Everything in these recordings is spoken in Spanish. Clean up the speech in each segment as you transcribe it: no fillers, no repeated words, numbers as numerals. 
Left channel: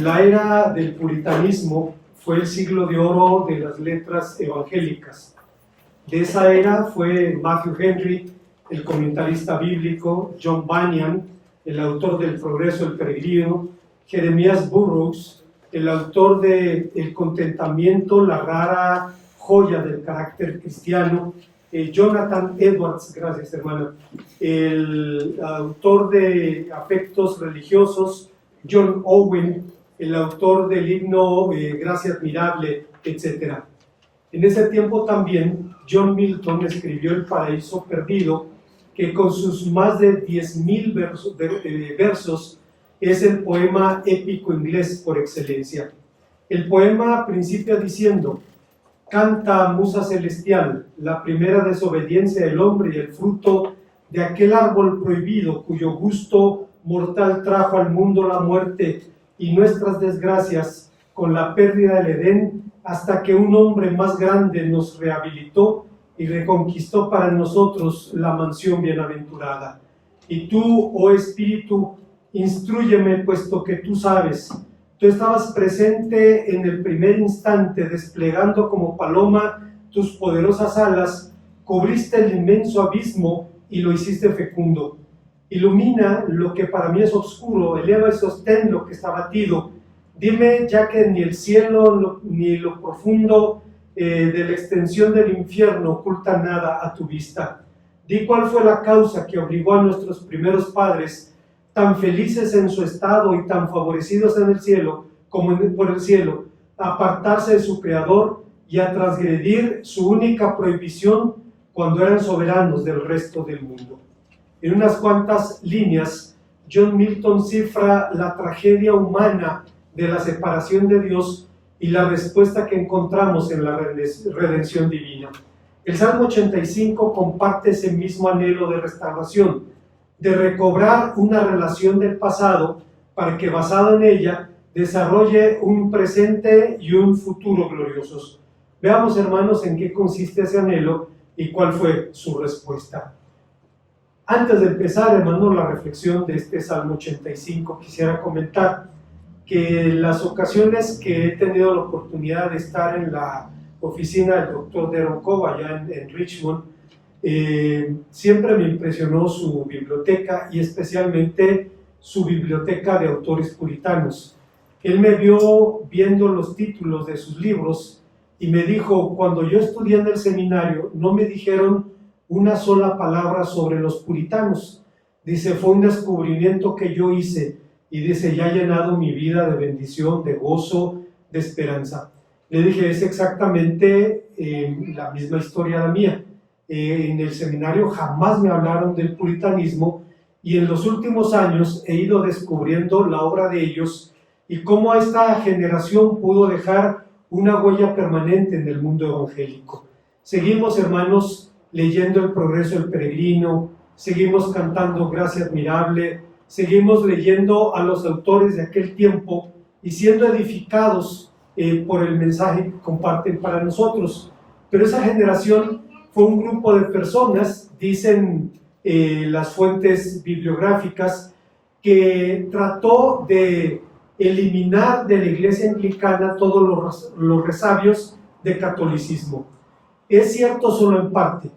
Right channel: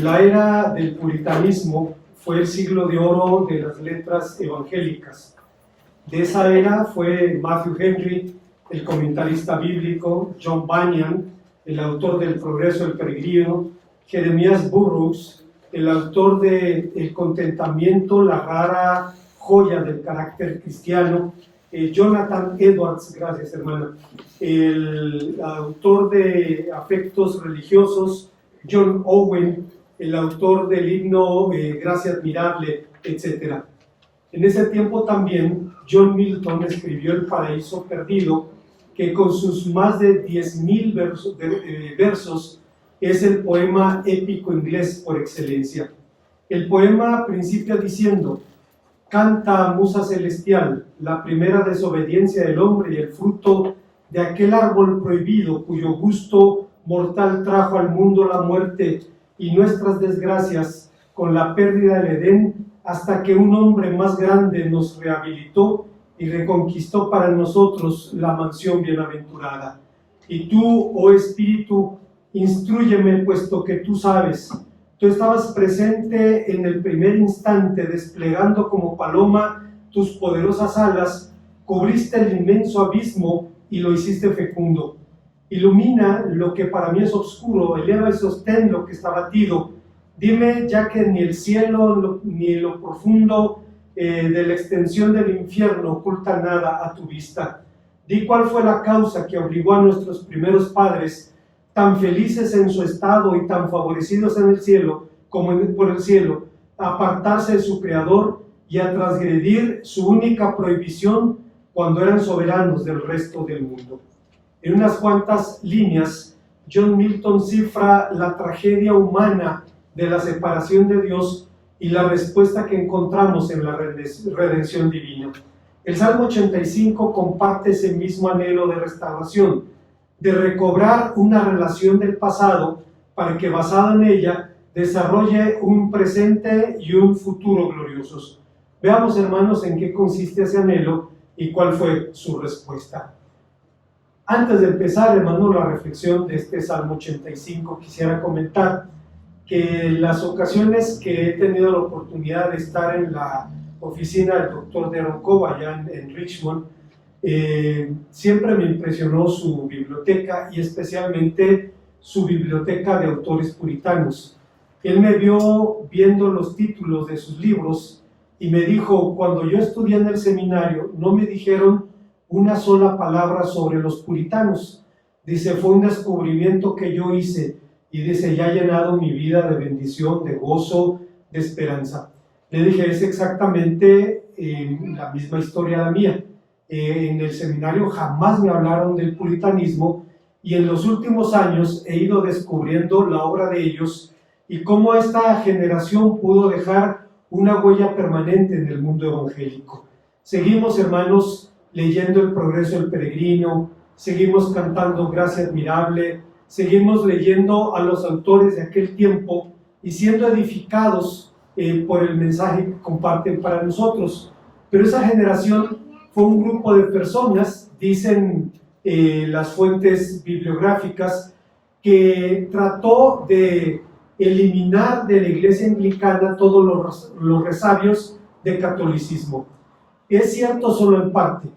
La era del puritanismo fue el siglo de oro de las letras evangélicas. De esa era fue Matthew Henry, el comentarista bíblico, John Bunyan, el autor del Progreso del Peregrino, Jeremías Burroughs, el autor de El Contentamiento, la rara joya del carácter cristiano, Jonathan Edwards, gracias hermano, el autor de Afectos Religiosos, John Owen, el autor del himno Gracia Admirable, etc. En ese tiempo también John Milton escribió El Paraíso Perdido, que con sus más de 10,000 versos es el poema épico inglés por excelencia. El poema principia diciendo: canta, musa celestial, la primera desobediencia del hombre y el fruto de aquel árbol prohibido cuyo gusto mortal trajo al mundo la muerte y nuestras desgracias con la pérdida del Edén, hasta que un hombre más grande nos rehabilitó y reconquistó para nosotros la mansión bienaventurada. Y tú, oh Espíritu, instrúyeme, puesto que tú sabes. Tú estabas presente en el primer instante, desplegando como paloma tus poderosas alas, cubriste el inmenso abismo y lo hiciste fecundo. Ilumina lo que para mí es oscuro, eleva y sostén lo que está batido. Dime, ya que ni el cielo ni lo profundo de la extensión del infierno oculta nada a tu vista. Di cuál fue la causa que obligó a nuestros primeros padres, tan felices en su estado y tan favorecidos en el cielo como por el cielo, a apartarse de su Creador y a transgredir su única prohibición cuando eran soberanos del resto del mundo. En unas cuantas líneas, John Milton cifra la tragedia humana de la separación de Dios y la respuesta que encontramos en la redención divina. El Salmo 85 comparte ese mismo anhelo de restauración, de recobrar una relación del pasado para que basada en ella desarrolle un presente y un futuro gloriosos. Veamos, hermanos, en qué consiste ese anhelo y cuál fue su respuesta. Antes de empezar, hermanos, la reflexión de este Salmo 85, quisiera comentar que en las ocasiones que he tenido la oportunidad de estar en la oficina del doctor Darren Cobb allá en Richmond, siempre me impresionó su biblioteca y especialmente su biblioteca de autores puritanos. Él me vio viendo los títulos de sus libros y me dijo: cuando yo estudié en el seminario no me dijeron una sola palabra sobre los puritanos. Dice, fue un descubrimiento que yo hice y dice, ya ha llenado mi vida de bendición, de gozo, de esperanza. Le dije, es exactamente la misma historia la mía. En el seminario jamás me hablaron del puritanismo y en los últimos años he ido descubriendo la obra de ellos y cómo esta generación pudo dejar una huella permanente en el mundo evangélico. Seguimos, hermanos, leyendo El Progreso del Peregrino, seguimos cantando Gracia Admirable, seguimos leyendo a los autores de aquel tiempo y siendo edificados por el mensaje que comparten para nosotros. Pero esa generación fue un grupo de personas, dicen las fuentes bibliográficas, que trató de eliminar de la iglesia anglicana todos los resabios de catolicismo. Es cierto solo en parte,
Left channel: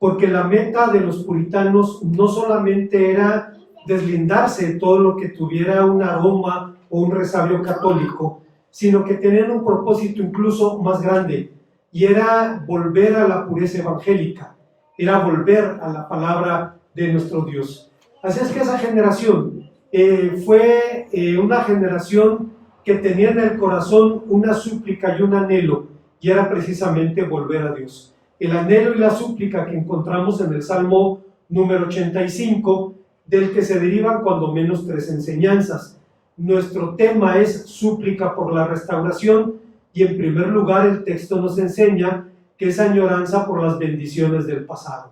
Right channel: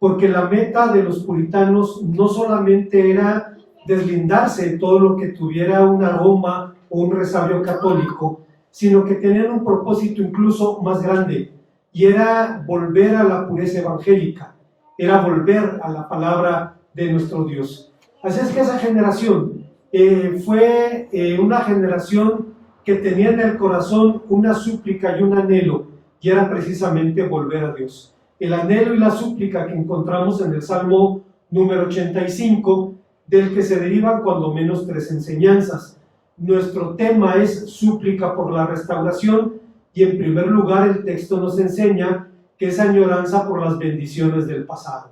porque la meta de los puritanos no solamente era deslindarse de todo lo que tuviera un aroma o un resabio católico, sino que tenían un propósito incluso más grande, y era volver a la pureza evangélica, era volver a la palabra de nuestro Dios. Así es que esa generación fue una generación que tenía en el corazón una súplica y un anhelo, y era precisamente volver a Dios. El anhelo y la súplica que encontramos en el Salmo número 85, del que se derivan cuando menos 3 enseñanzas. Nuestro tema es súplica por la restauración y en primer lugar el texto nos enseña que es añoranza por las bendiciones del pasado.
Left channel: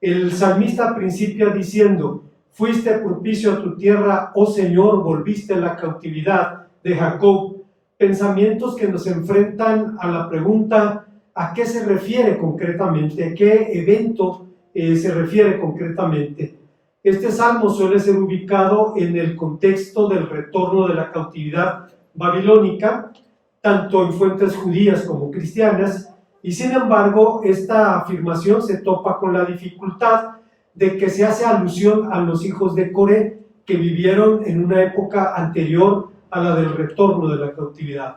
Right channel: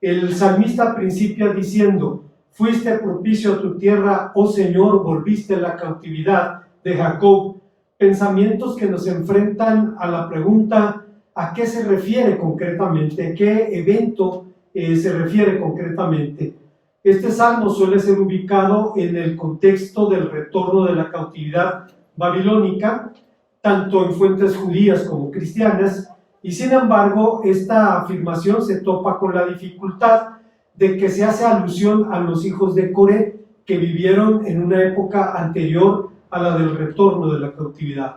El salmista principia diciendo: fuiste propicio a tu tierra, oh Señor, volviste la cautividad de Jacob. Pensamientos que nos enfrentan a la pregunta: ¿a qué se refiere concretamente? ¿A qué evento se refiere concretamente? Este salmo suele ser ubicado en el contexto del retorno de la cautividad babilónica, tanto en fuentes judías como cristianas, y sin embargo esta afirmación se topa con la dificultad de que se hace alusión a los hijos de Coré que vivieron en una época anterior a la del retorno de la cautividad.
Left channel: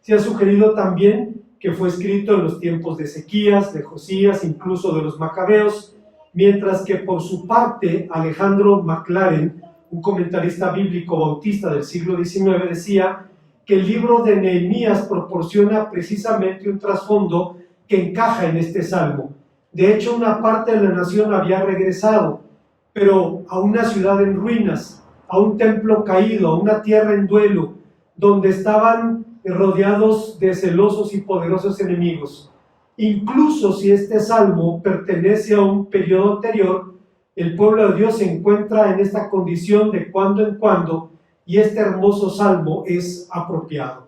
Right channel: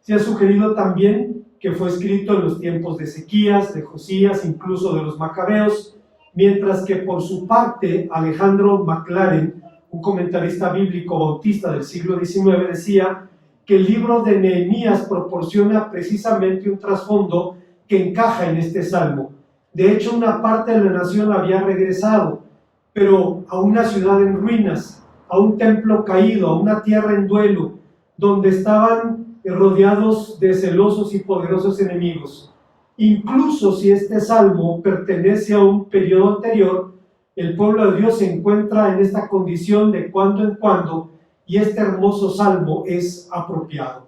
Se ha sugerido también que fue escrito en los tiempos de Ezequías, de Josías, incluso de los Macabeos, mientras que por su parte Alejandro Maclaren, un comentarista bíblico bautista del siglo XIX, decía que el libro de Nehemías proporciona precisamente un trasfondo que encaja en este salmo. De hecho, una parte de la nación había regresado, pero a una ciudad en ruinas, a un templo caído, a una tierra en duelo, donde estaban rodeados de celosos y poderosos enemigos. Incluso si este salmo pertenece a un periodo anterior, el pueblo de Dios se encuentra en esta condición de cuando en cuando, y este hermoso salmo es apropiado.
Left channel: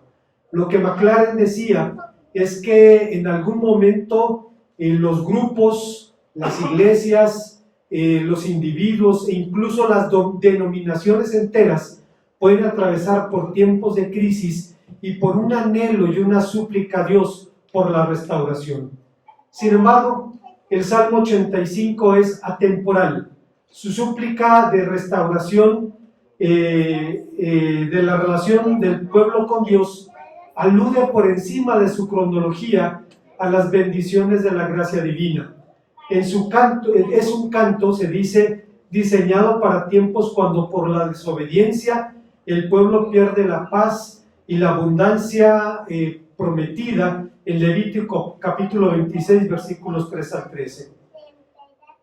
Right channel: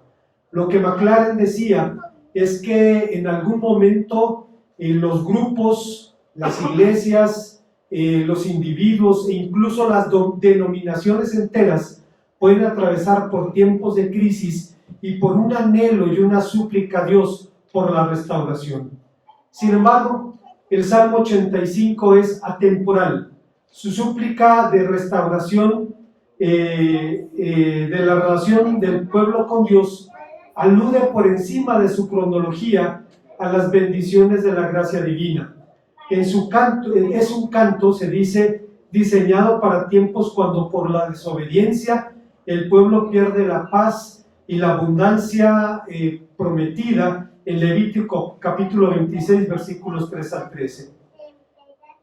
Lo que Maclaren decía es que en algún momento los grupos, las iglesias, los individuos e incluso las denominaciones enteras pueden atravesar por tiempos de crisis y por un anhelo y una súplica a Dios por la restauración. Sin embargo, el Salmo 85 es atemporal. Su súplica de restauración de la relación del pueblo con Dios alude por encima de su cronología a las bendiciones de la gracia divina. En su canto, es un canto, se dice, diseñado para tiempos cuando por la desobediencia el pueblo pierde la paz y la abundancia prometida en Levítico capítulo 26 versículos 3 al 13.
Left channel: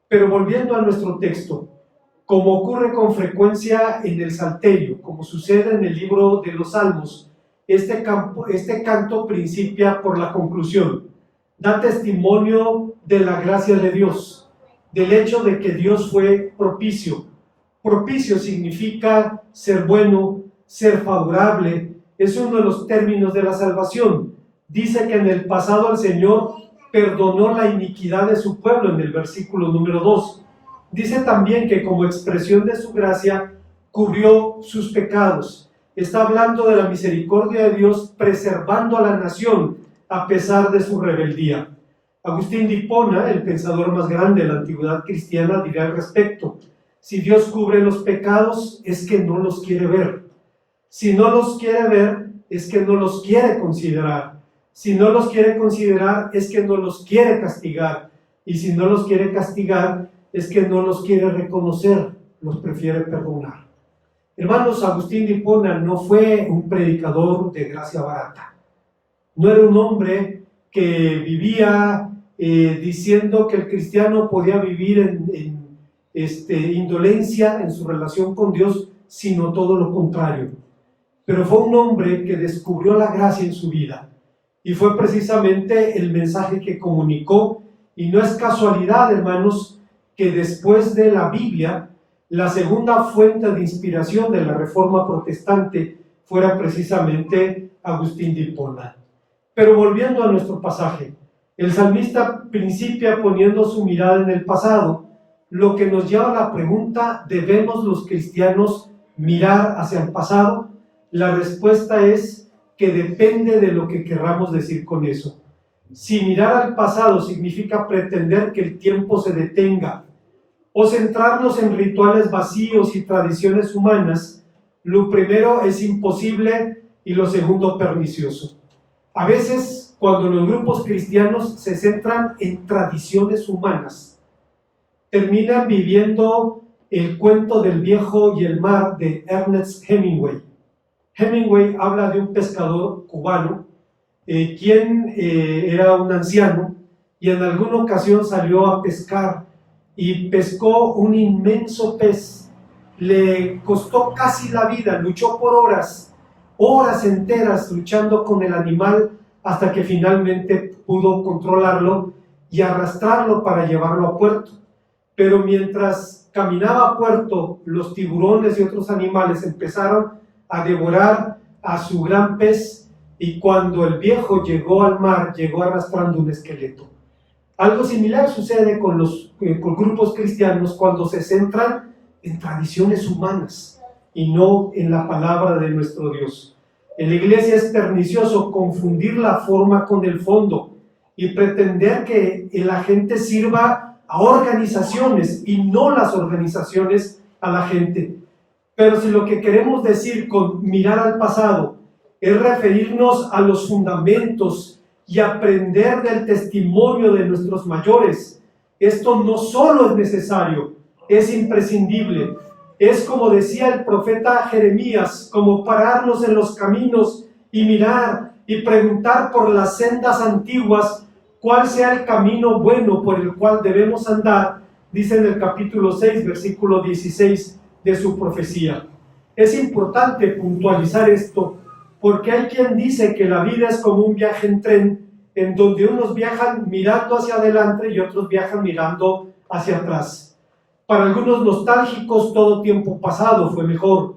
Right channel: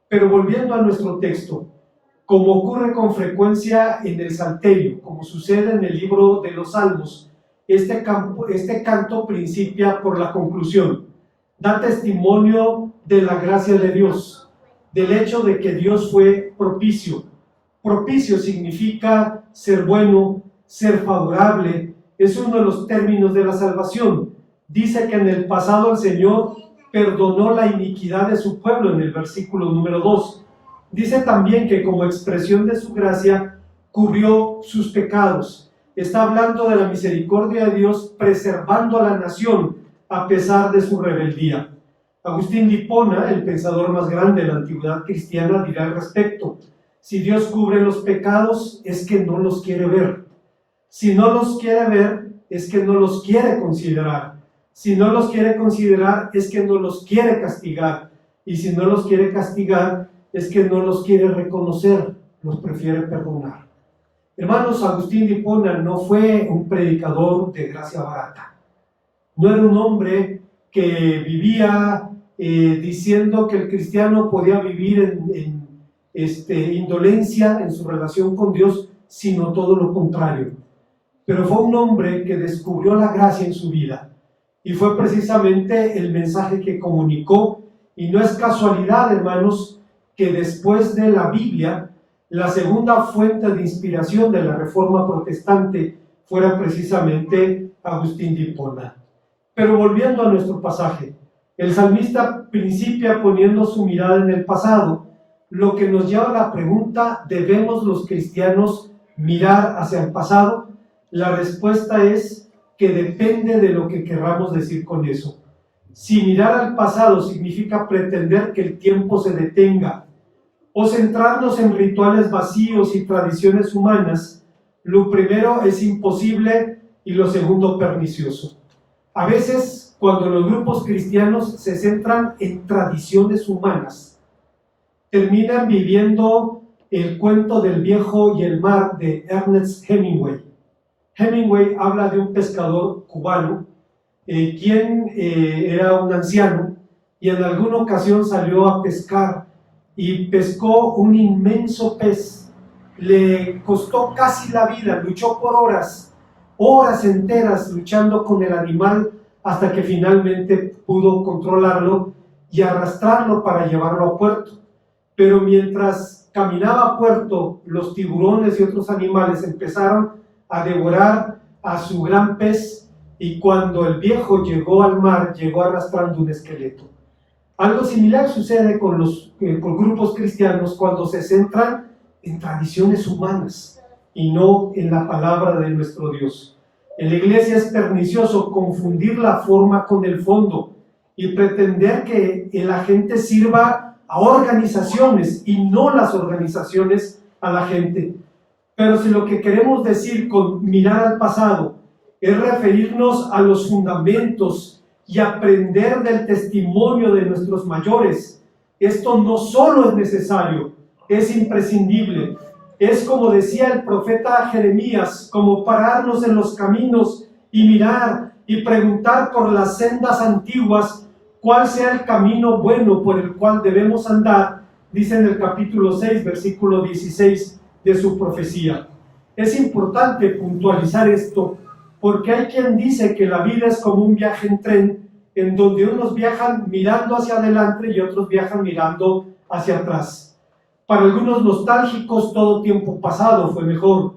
Pero volviendo a nuestro texto, como ocurre con frecuencia en el Salterio, como sucede en el libro de los Salmos, este canto principia por la conclusión. Da testimonio de la gracia de Dios, del hecho de que Dios fue propicio. Propicio significa ser bueno, ser favorable, es uno de los términos de la salvación. Dice que en el pasado el Señor perdonó la iniquidad de su pueblo en el versículo número 2. Dice también que como expresión de su gracia cubrió sus pecados. Está hablando de la misericordia de Dios preservando a la nación a pesar de su rebeldía. Agustín de Hipona, el pensador más grande de la antigüedad cristiana, dirá al respecto: si Dios cubre los pecados, es que no los quiere ver. Si no los quiere ver, es que no los quiere considerar. Si no los quiere considerar, es que no los quiere castigar. Y si no los quiere castigar, es que no los quiere reconocer, los prefiere perdonar. Hermanos, Agustín de Hipona no fue un predicador de gracia barata. No era un hombre que vivía diciendo que el cristiano podía vivir en indolencia en su relación con Dios, sino todo lo contrario. Pero fue un hombre que descubrió la gracia en su vida, y fue precisamente el mensaje que comunicó. Y no es casualidad, hermanos, que después de la Biblia, la segunda fuente de inspiración de la Reforma Protestante fuera precisamente Agustín de Hipona. Pero volviendo a nuestro pasaje, el salmista principia poniendo su mirada en el pasado, lo que nos lleva a la pregunta: ¿debemos los cristianos mirar hacia el pasado? La respuesta es que depende de lo que querramos decir con eso. Si mirar al pasado significa pretender que el tiempo se detenga o centrarnos en rituales vacíos y tradiciones humanas, lo primero es imposible y lo segundo pernicioso. A veces, cuando los grupos cristianos se centran en tradiciones humanas, terminan viviendo el cuento del viejo y el mar de Ernest Hemingway. Hemingway habla de un pescador cubano, quien era un anciano y en alguna ocasión salió a pescar y pescó un inmenso pez. Le costó casi la vida, luchó por horas enteras luchando con el animal hasta que finalmente pudo controlarlo y arrastrarlo para llevarlo a puerto. Pero mientras caminaba a puerto, los tiburones y otros animales empezaron a devorar a su gran pez, y cuando el viejo llegó al mar, llegó arrastrando un esqueleto. Algo similar sucede con grupos cristianos cuando se centran en tradiciones humanas y no en la palabra de nuestro Dios. En la iglesia es pernicioso confundir la forma con el fondo y pretender que la gente sirva a organizaciones y no las organizaciones a la gente. Pero si lo que queremos decir con mirar al pasado es referirnos a los fundamentos y aprender del testimonio de nuestros mayores, esto no solo es necesario, es imprescindible. Es, como decía el profeta Jeremías, como pararnos en los caminos y mirar y preguntar por las sendas antiguas cuál sea el camino bueno por el cual debemos andar, dice en el capítulo 6, versículo 16 de su profecía. Es importante puntualizar esto, porque hay quien dice que la vida es como un viaje en tren, en donde unos viajan mirando hacia adelante y otros viajan mirando hacia atrás. Para algunos nostálgicos, todo tiempo pasado fue mejor.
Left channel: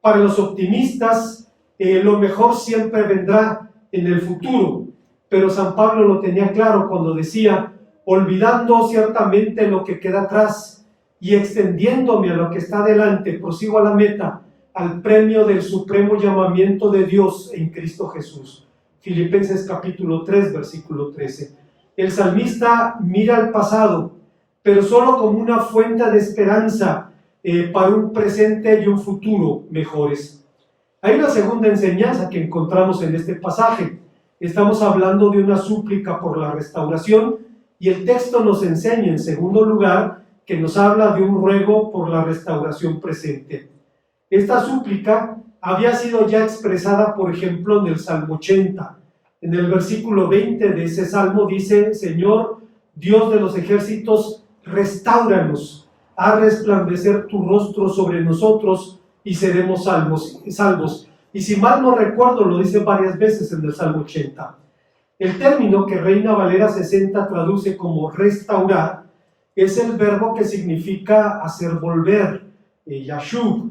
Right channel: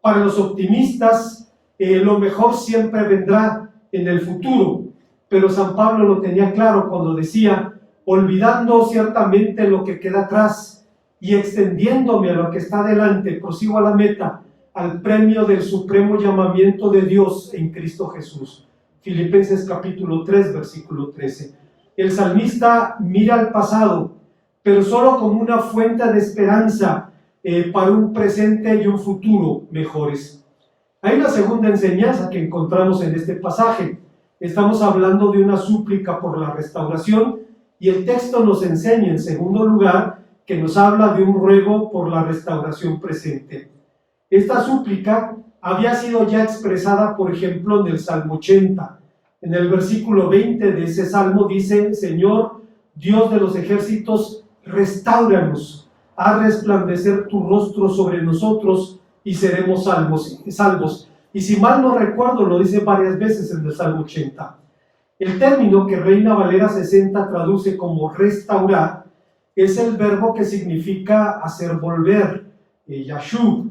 Para los optimistas, lo mejor siempre vendrá en el futuro. Pero San Pablo lo tenía claro cuando decía: olvidando ciertamente lo que queda atrás y extendiéndome a lo que está delante, prosigo a la meta, al premio del supremo llamamiento de Dios en Cristo Jesús. Filipenses capítulo 3, versículo 13. El salmista mira al pasado, pero solo como una fuente de esperanza para un presente y un futuro mejores. Hay una segunda enseñanza que encontramos en este pasaje. Estamos hablando de una súplica por la restauración, y el texto nos enseña, en segundo lugar, que nos habla de un ruego por la restauración presente. Esta súplica había sido ya expresada, por ejemplo, en el Salmo 80. En el versículo 20 de ese salmo dice: Señor, Dios de los ejércitos, restáuranos, haz resplandecer tu rostro sobre nosotros y seremos salvos. Y si mal no recuerdo, lo dice varias veces en el Salmo 80. El término que Reina Valera 60 traduce como restaurar es el verbo que significa hacer volver, yashub,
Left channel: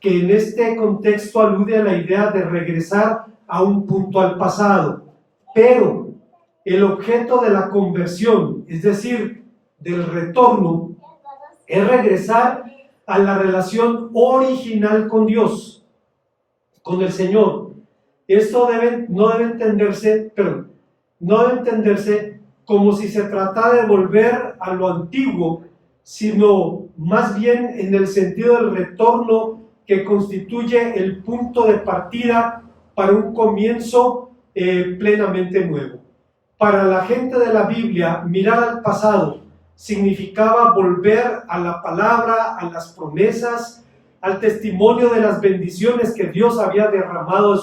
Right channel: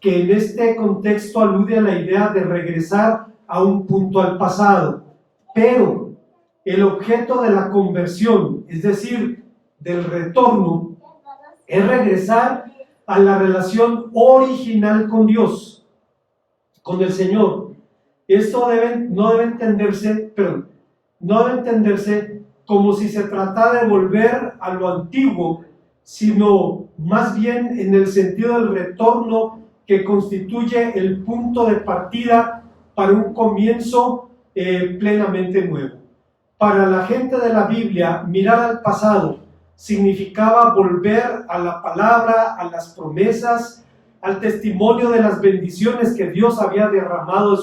que en este contexto alude a la idea de regresar a un punto al pasado. Pero el objeto de la conversión, es decir, del retorno, es regresar a la relación original con Dios, con el Señor. Esto no debe entenderse como si se tratara de volver a lo antiguo, sino más bien en el sentido del retorno que constituye el punto de partida para un comienzo plenamente nuevo. Para la gente de la Biblia, mirar al pasado significaba volver a la palabra, a las promesas, al testimonio de las bendiciones que Dios había derramado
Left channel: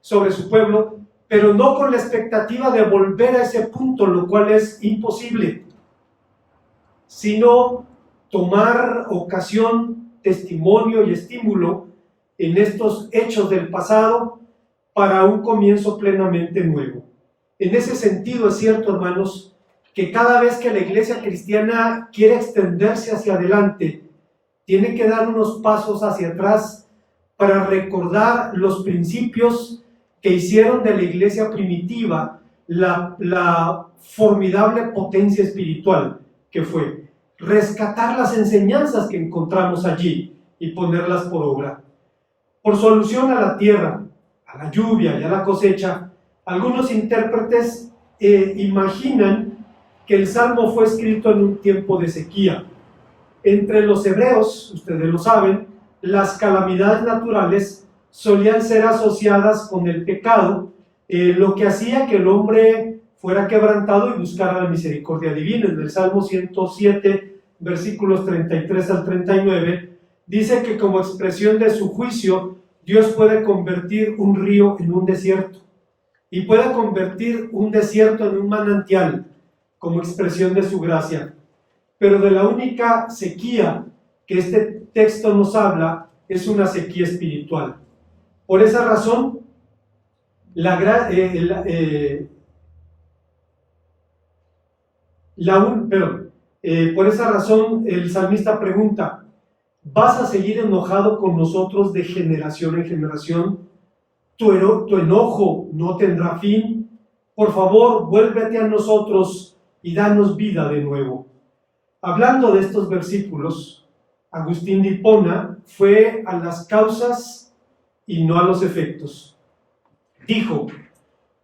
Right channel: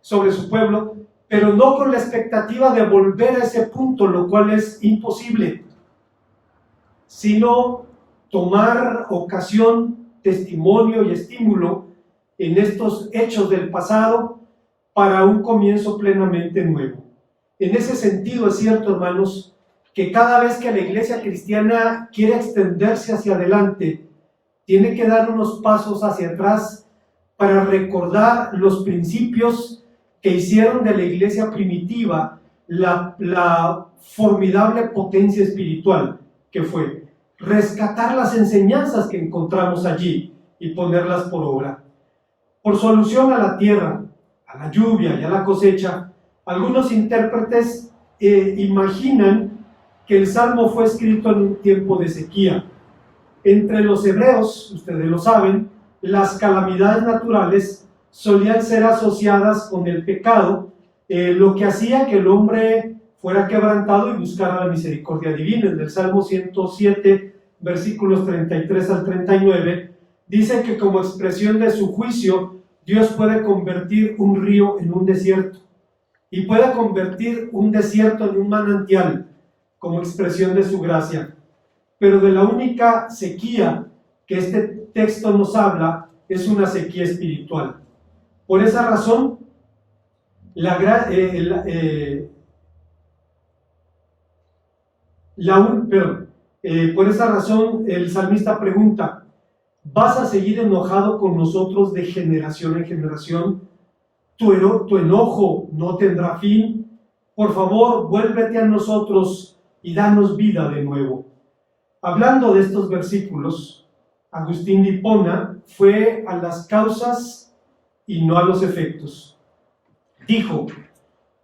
sobre su pueblo, pero no con la expectativa de volver a ese punto, lo cual es imposible, sino tomar ocasión, testimonio y estímulo en estos hechos del pasado para un comienzo plenamente nuevo. En ese sentido es cierto, hermanos, que cada vez que la iglesia cristiana quiere extenderse hacia adelante, tiene que dar unos pasos hacia atrás para recordar los principios que hicieron de la iglesia primitiva la formidable potencia espiritual que fue. Rescatar las enseñanzas que encontramos allí y ponerlas por obra. Por su alusión a la tierra, a la lluvia y a la cosecha, algunos intérpretes imaginan que el Salmo fue escrito en un tiempo de sequía. Entre los hebreos, ustedes lo saben, las calamidades naturales solían ser asociadas con el pecado, lo que hacía que el hombre fuera quebrantado y buscara la misericordia divina. En el Salmo 107, versículos 33 al 39, dice que como expresión de su juicio, Dios puede convertir un río en un desierto y puede convertir un desierto en un manantial como expresión de su gracia. Pero de la única sequía que este texto nos habla es una sequía espiritual. Por esa razón, por esa razón el salmista pregunta: ¿vas a seguir enojado con nosotros de generación en generación? ¿Tu enojo no tendrá fin? Por favor, vuélvete a nosotros y danos vida de nuevo. Hablando de estos versículos, Agustín de Hipona fue a las causas y no a los efectos. Dijo:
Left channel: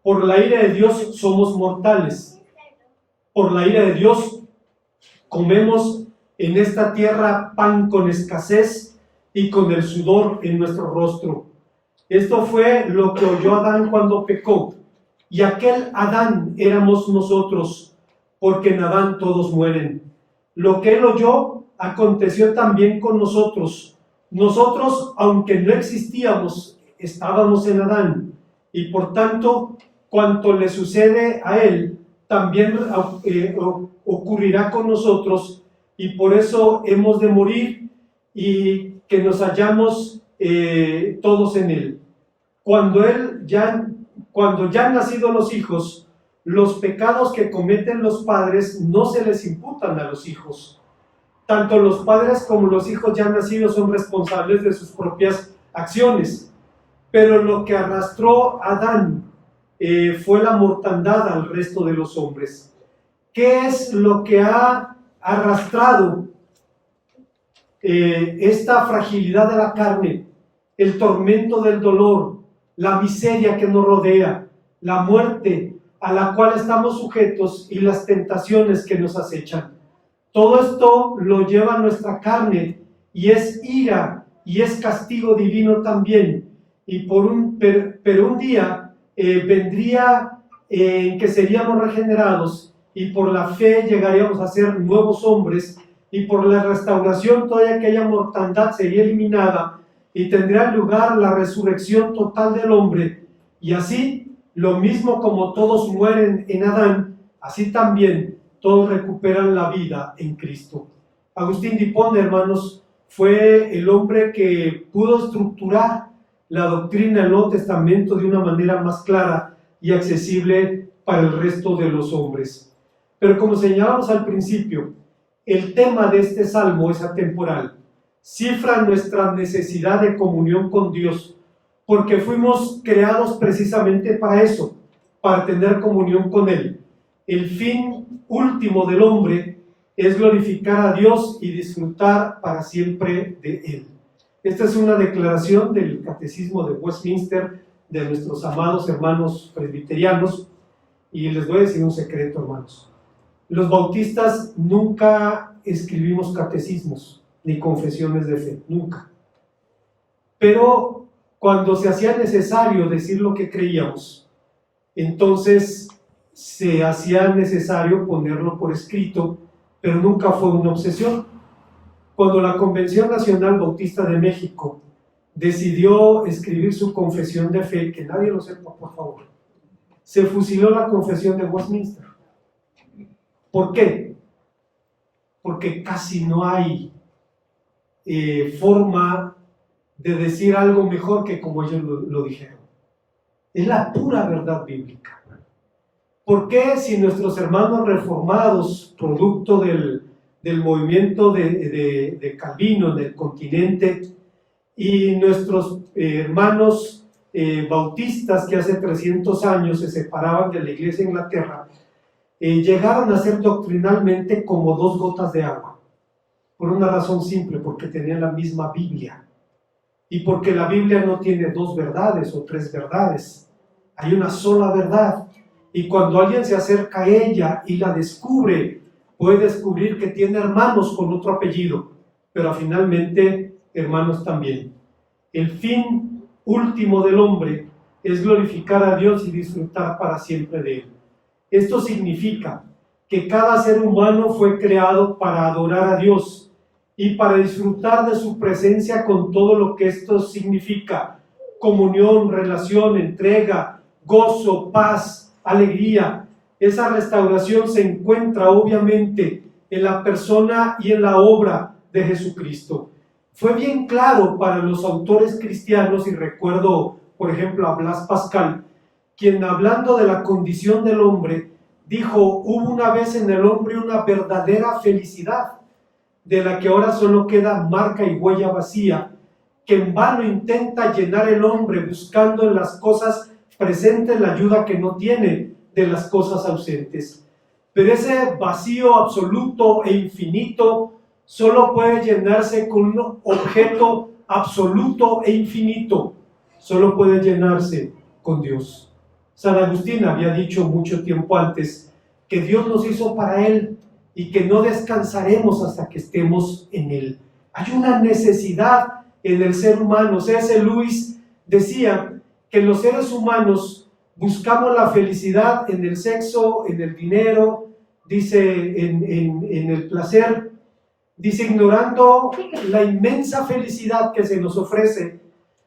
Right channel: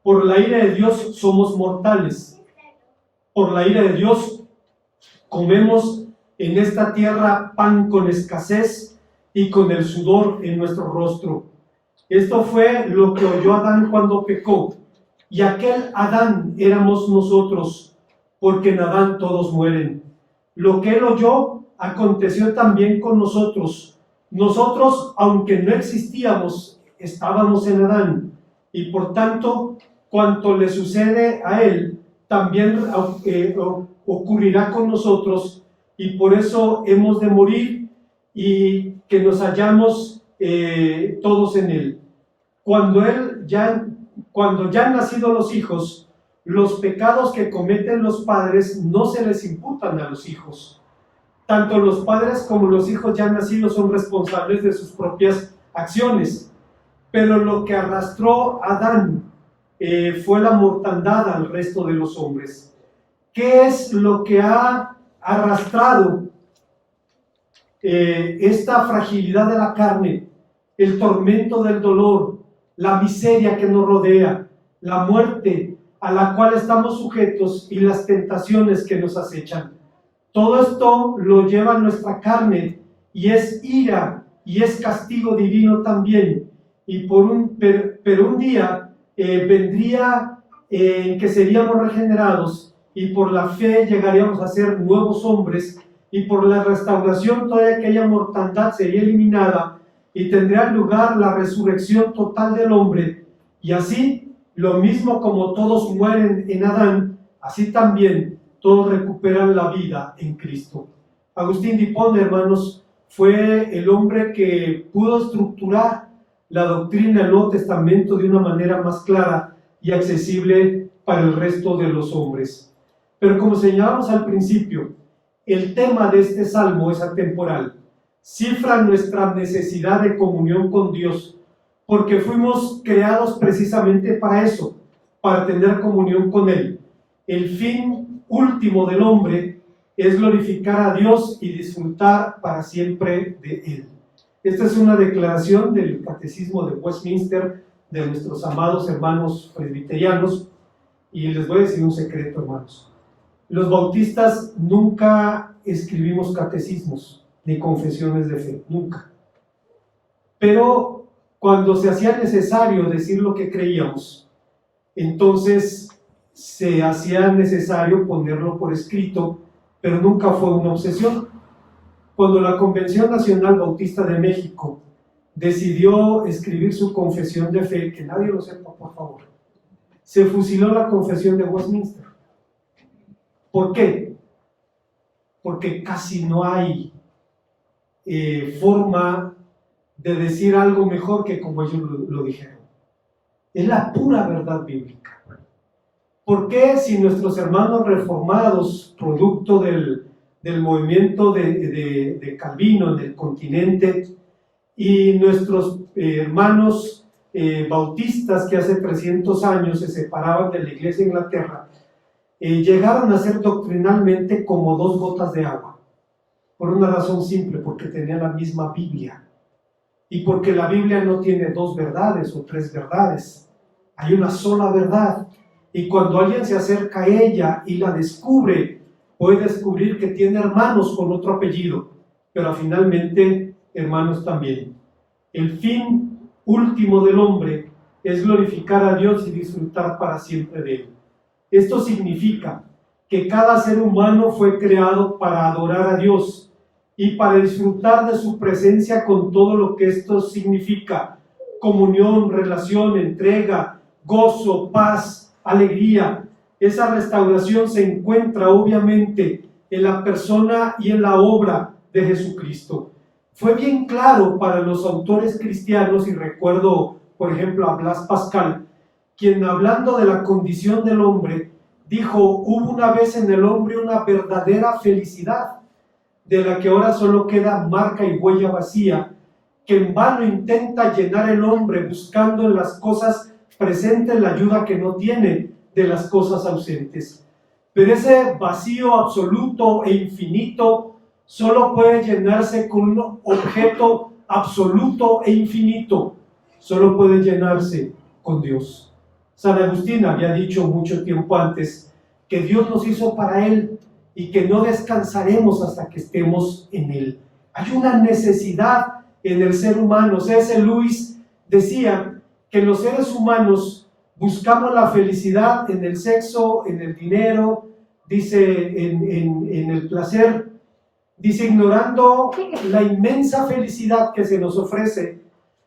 por la ira de Dios somos mortales. Por la ira de Dios comemos en esta tierra pan con escasez y con el sudor en nuestro rostro. Esto fue lo que oyó Adán cuando pecó, y aquel Adán éramos nosotros, porque en Adán todos mueren. Lo que él oyó aconteció también con nosotros. Nosotros, aunque no existíamos, estábamos en Adán, y por tanto, cuanto le sucede a él, también ocurrirá con nosotros, y por eso hemos de morir y que nos hallamos todos en él. Cuando ya han nacido los hijos, los pecados que cometen los padres no se les imputan a los hijos. Tanto los padres como los hijos ya nacidos son responsables de sus propias acciones. Pero lo que arrastró a Adán fue la mortandad al resto de los hombres. ¿Qué es lo que ha arrastrado esta fragilidad de la carne? El tormento del dolor, la miseria que nos rodea, la muerte a la cual estamos sujetos y las tentaciones que nos acechan. Todo esto lo lleva nuestra carne y es ira y es castigo divino también. Pero un día vendría en que seríamos regenerados y por la fe llegaríamos a ser nuevos hombres, y por la restauración toda aquella mortandad sería eliminada y tendría lugar la resurrección total del hombre. Y así, lo mismo como todos mueren en Adán, así también todos recuperan la vida en Cristo. Agustín de Hipona, hermanos, fue el hombre que pudo estructurar la doctrina del Nuevo Testamento de una manera más clara y accesible para el resto de los hombres. Pero como señalamos al principio, el tema de este salmo es atemporal. Cifra nuestra necesidad de comunión con Dios, porque fuimos creados precisamente para eso, para tener comunión con Él. El fin último del hombre es glorificar a Dios y disfrutar para siempre de Él. Esta es una declaración del Catecismo de Westminster de nuestros amados hermanos presbiterianos, y les voy a decir un secreto, hermanos. Los bautistas nunca escribimos catecismos ni confesiones de fe, nunca. Pero cuando se hacía necesario decir lo que creíamos, entonces se hacía necesario ponerlo por escrito, pero nunca fue una obsesión. Cuando la Convención Nacional Bautista de México decidió escribir su confesión de fe, que nadie lo sepa, por favor, se fusiló la confesión de Westminster. ¿Por qué? Porque casi no hay forma de decir algo mejor que como ellos lo dijeron. Es la pura verdad bíblica. ¿Por qué, si nuestros hermanos reformados, producto del movimiento de Calvino en el continente, y nuestros hermanos bautistas que hace 300 años se separaban de la iglesia de Inglaterra, llegaron a ser doctrinalmente como dos gotas de agua? Por una razón simple: porque tenían la misma Biblia, y porque la Biblia no tiene dos verdades o tres verdades, hay una sola verdad, y cuando alguien se acerca a ella y la descubre, puede descubrir que tiene hermanos con otro apellido, pero finalmente hermanos también. El fin último del hombre es glorificar a Dios y disfrutar para siempre de Él. Esto significa que cada ser humano fue creado para adorar a Dios y para disfrutar de su presencia con todo lo que esto significa: comunión, relación, entrega, gozo, paz, alegría. Esa restauración se encuentra obviamente en la persona y en la obra de Jesucristo. Fue bien claro para los autores cristianos, y recuerdo, por ejemplo, a Blas Pascal, quien, hablando de la condición del hombre, dijo: hubo una vez en el hombre una verdadera felicidad, de la que ahora solo queda marca y huella vacía, que en vano intenta llenar el hombre buscando en las cosas presentes la ayuda que no tiene de las cosas ausentes. Pero ese vacío absoluto e infinito solo puede llenarse con un objeto absoluto e infinito, solo puede llenarse con Dios. San Agustín había dicho mucho tiempo antes que Dios nos hizo para Él y que no descansaremos hasta que estemos en Él. Hay una necesidad en el ser humano. C.S. Lewis decía que los seres humanos buscamos la felicidad en el sexo, en el dinero, dice en el placer, dice ignorando la inmensa felicidad que se nos ofrece,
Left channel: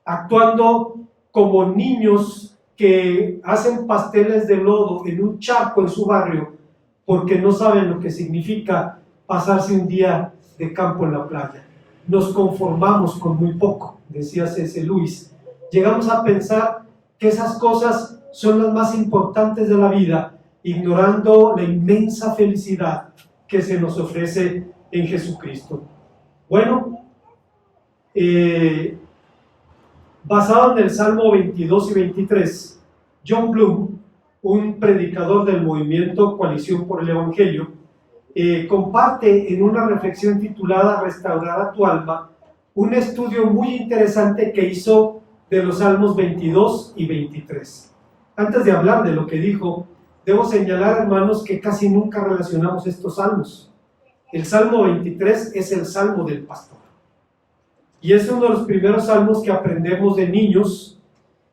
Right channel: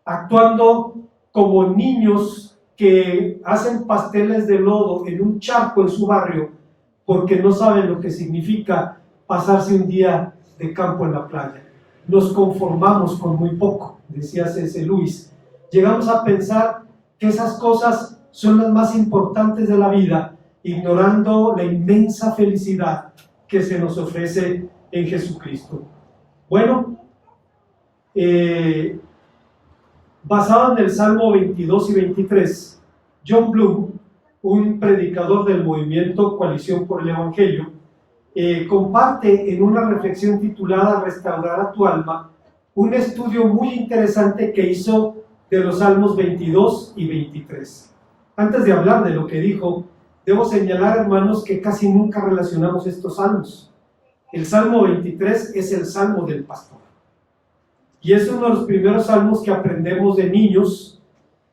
actuando como niños que hacen pasteles de lodo en un charco en su barrio porque no saben lo que significa pasarse un día de campo en la playa. Nos conformamos con muy poco, decía C.S. Lewis. Llegamos a pensar que esas cosas son las más importantes de la vida, ignorando la inmensa felicidad que se nos ofrece en Jesucristo. Bueno, basado en el Salmo 22 y 23, John Bloom, un predicador del movimiento Coalición por el Evangelio, comparte en una reflexión titulada Restaurar a tu alma, un estudio muy interesante que hizo de los Salmos 22 y 23. Antes de hablar de lo que dijo, debo señalar, hermanos, que casi nunca relacionamos estos salmos. El Salmo 23 es el Salmo del pastor. Y es uno de los primeros salmos que aprendemos de niños,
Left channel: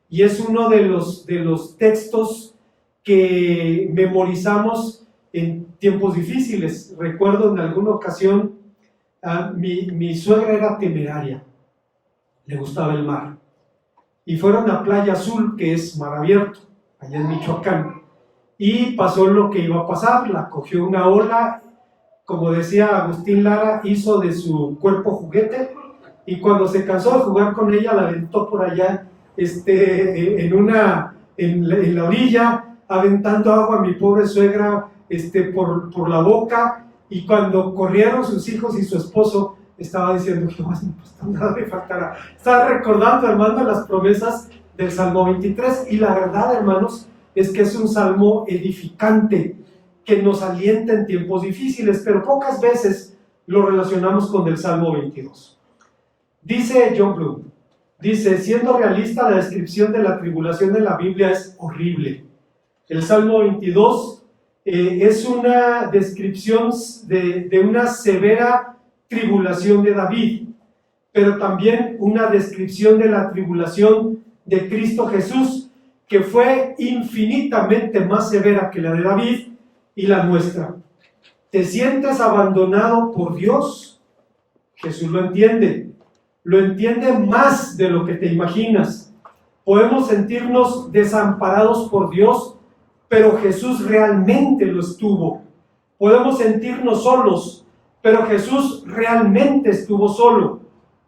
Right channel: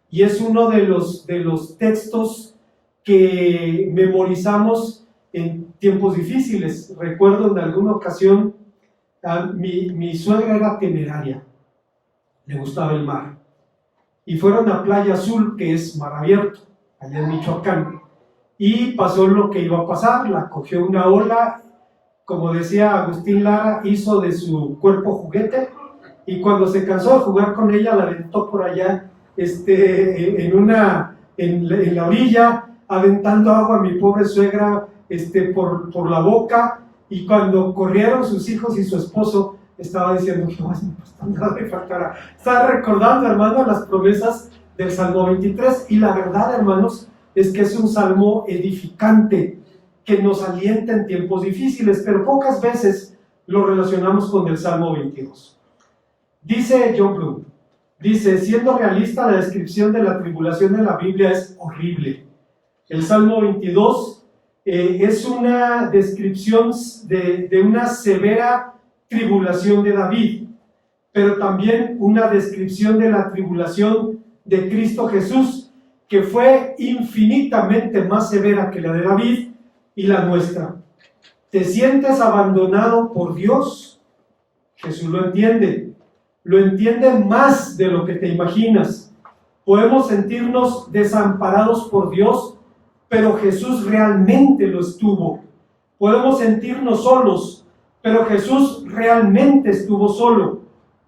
y es uno de los textos que memorizamos en tiempos difíciles. Recuerdo en alguna ocasión, mi suegra era temeraria, le gustaba el mar, y fueron a Playa Azul, que es mar abierto, allá en Michoacán, y pasó lo que iba a pasar, la cogió una ola, como decía Agustín Lara, hizo de su cuerpo juguete, y cuando se cansó de jugar con ella, la aventó por allá, en la orilla, aventando agua a mi pobre suegra, por la boca, y cuando corrieron sus hijos y su esposo, estaba diciendo, Jehová es mi pastor, nada me faltará. Estaba recordando, hermano, las promesas del Salmo 23, y la verdad, hermanos, es que es un salmo edificante, que nos alienta en tiempos difíciles, pero pocas veces lo relacionamos con el Salmo 22. Dice John Bloom, siendo realista, la descripción de la tribulación en la Biblia es horrible. El Salmo 22 es una descripción de una severa tribulación de David, pero también una descripción de la tribulación de Cristo Jesús, que fue infinitamente más severa que la de David y la nuestra. ¿Te sientes abandonado por Dios? Jesús lo entiende más de lo que te imaginas. Podemos sentirnos desamparados por Dios, pero Jesús realmente lo estuvo. Podemos sentirnos solos, pero Jesús realmente estuvo solo.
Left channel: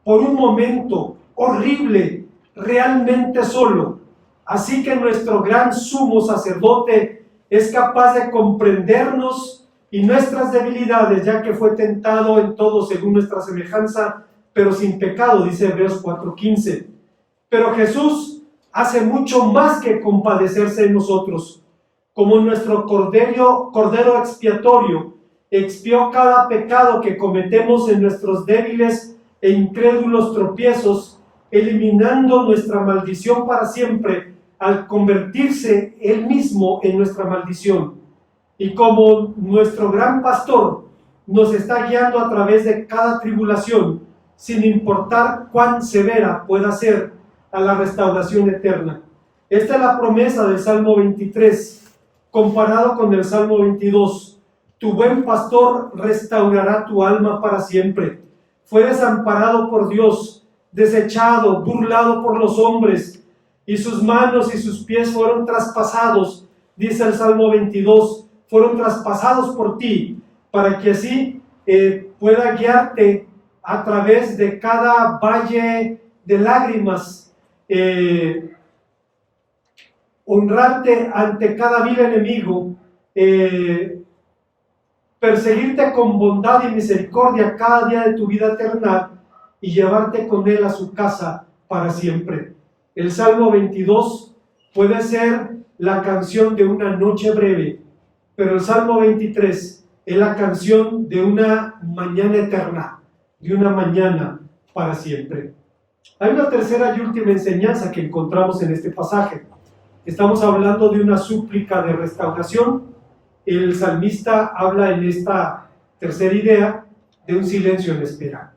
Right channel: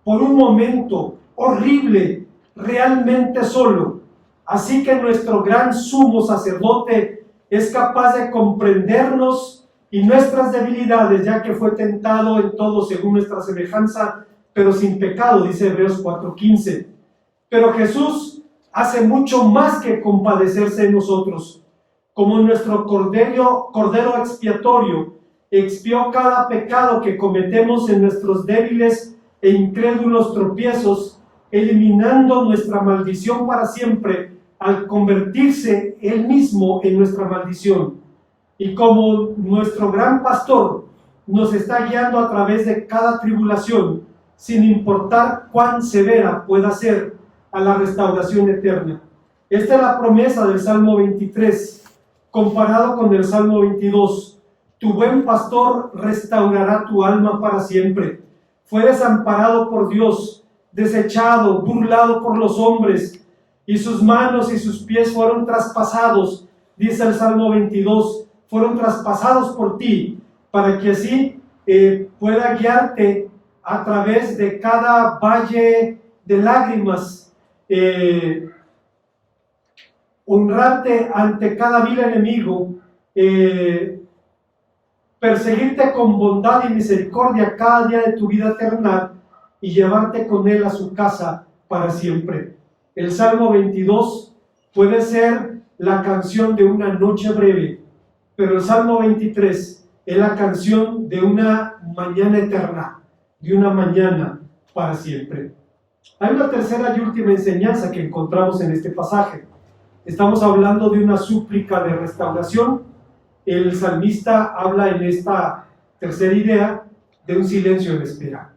Por un momento horrible, realmente solo. Así que nuestro gran sumo sacerdote es capaz de comprendernos y nuestras debilidades, ya que fue tentado en todo según nuestra semejanza, pero sin pecado, dice Hebreos 4:15. Pero Jesús hace mucho más que compadecerse de nosotros. Como nuestro cordero expiatorio expió cada pecado que cometemos en nuestros débiles e incrédulos tropiezos, eliminando nuestra maldición para siempre, al convertirse Él mismo en nuestra maldición. Y como nuestro gran pastor nos está guiando a través de cada tribulación, sin importar cuán severa pueda ser, a la restauración eterna. Esta es la promesa del Salmo 23, comparado con el Salmo 22. Tu buen pastor restaurará tu alma para siempre. Fue desamparado por Dios, desechado, burlado por los hombres, y sus manos y sus pies fueron traspasados, dice el Salmo 22, fueron traspasados por ti, para que así pueda guiarte a través de cada valle de lágrimas, honrarte ante cada vil enemigo, perseguirte con bondad y misericordia cada día de tu vida eterna y llevarte con Él a su casa para siempre. El Salmo 22 puede ser la canción de una noche breve, pero el Salmo 23 Es la canción de una mañana eterna, de una mañana para siempre. Hay una tercera y última enseñanza que encontramos en este pasaje. Estamos hablando de una súplica de restauración. El salmista habla en esta tercera idea de un silencio en espera.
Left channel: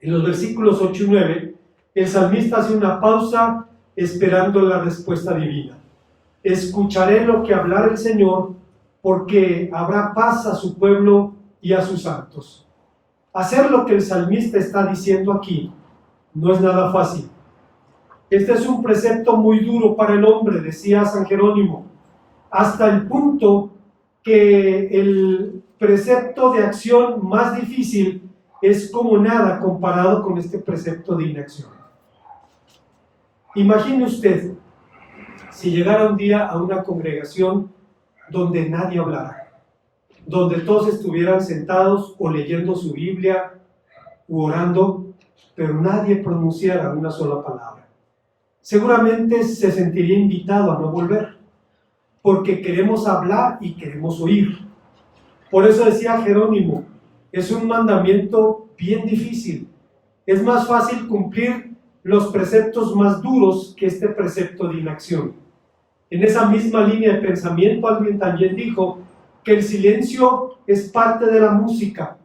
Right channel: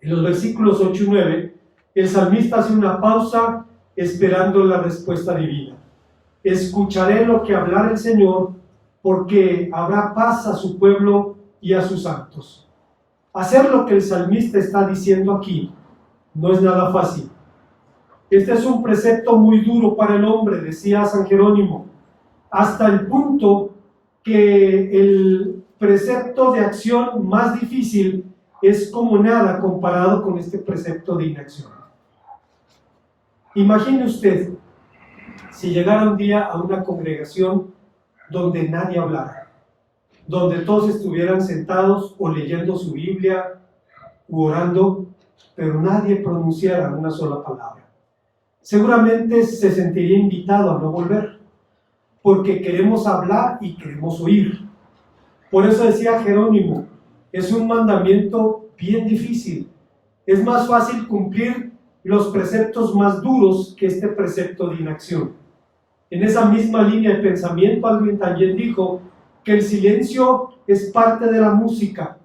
En los versículos 8 y 9, el salmista hace una pausa esperando la respuesta divina. Escucharé lo que hablará el Señor, porque habrá paz a su pueblo y a sus santos. Hacer lo que el salmista está diciendo aquí no es nada fácil. Este es un precepto muy duro para el hombre, decía San Jerónimo, hasta el punto que el precepto de acción más difícil es como nada comparado con este precepto de inacción. Imagine usted si llegara un día a una congregación donde nadie hablara, donde todos estuvieran sentados o leyendo su Biblia u orando, pero nadie pronunciara una sola palabra. Seguramente se sentiría invitado a no volver, porque queremos hablar y queremos oír. Por eso decía Jerónimo, es un mandamiento bien difícil. Es más fácil cumplir los preceptos más duros que este precepto de inacción. En esa misma línea de pensamiento, alguien también dijo que el silencio es parte de la música,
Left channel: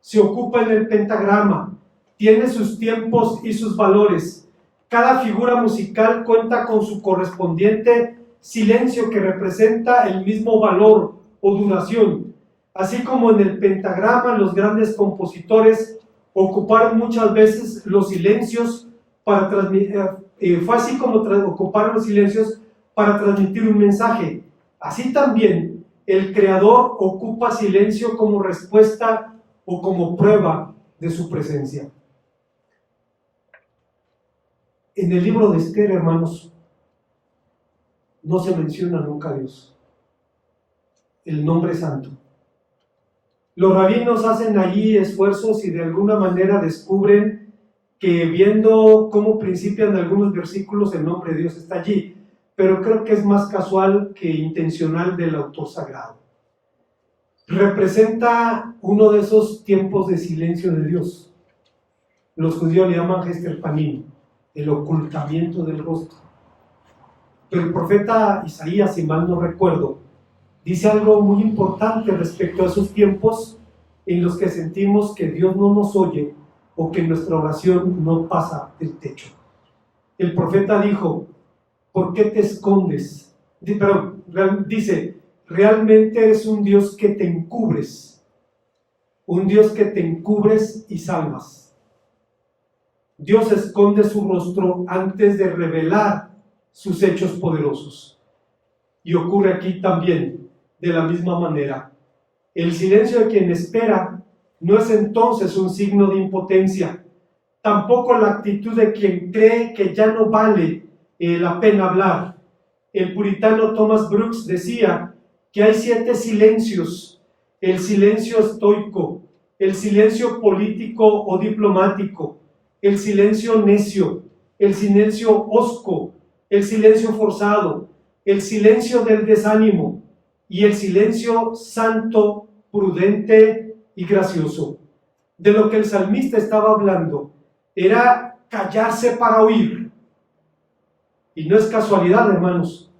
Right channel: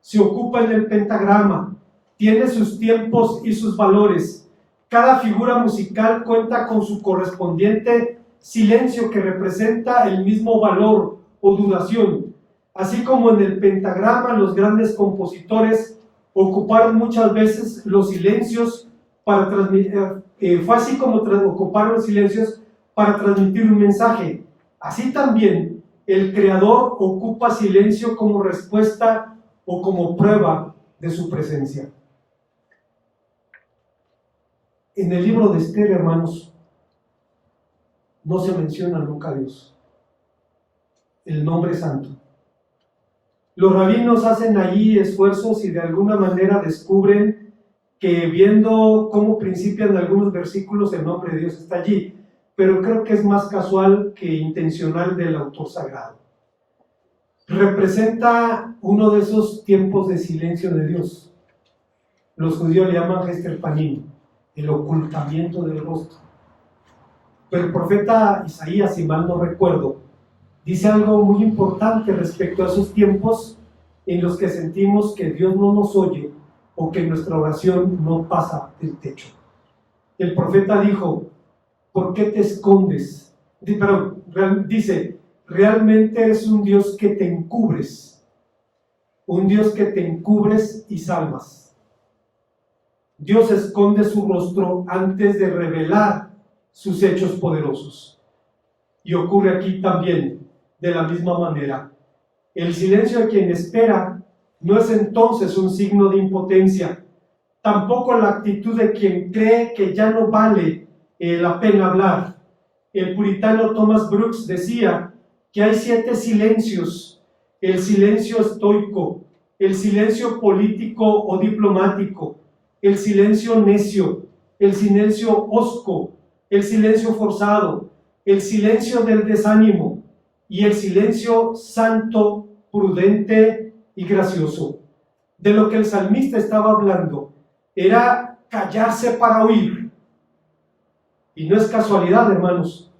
se ocupa en el pentagrama, tiene sus tiempos y sus valores. Cada figura musical cuenta con su correspondiente silencio que representa el mismo valor o duración. Así como en el pentagrama los grandes compositores ocuparon muchas veces los silencios para transmitir, ocupar los silencios para transmitir un mensaje. Así también el Creador ocupa silencio como respuesta o como prueba de su presencia. En el libro de Esther, hermanos, no se menciona nunca a Dios, el nombre santo. Los rabinos hacen allí esfuerzos y de alguna manera descubren que viendo cómo principian algunos versículos, el nombre de Dios está allí, pero creo que es más casual que intencional del autor sagrado. Representa uno de esos tiempos de silencio de Dios. Los judíos le llaman Hester Panim, el ocultamiento del rostro. Pero el profeta Isaías, si mal no recuerdo, dice algo muy importante respecto a esos tiempos en los que sentimos que Dios no nos oye o que nuestra oración no pasa del techo. El profeta dijo, ¿por qué te escondes? Dice, realmente eres un Dios que te encubres, un Dios que te encubres y salvas. Dios esconde su rostro antes de revelar sus hechos poderosos. Y ocurre aquí también de la misma manera. El silencio de quien espera no es entonces un signo de impotencia, tampoco la actitud de quien cree que ya no vale la pena hablar. El puritano Thomas Brooks decía que hay 7 silencios: el silencio estoico, el silencio político o diplomático, el silencio necio, el silencio hosco, el silencio forzado, el silencio del desánimo y el silencio santo, prudente y gracioso. De lo que el salmista estaba hablando era callarse para oír. Y no es casualidad, hermanos,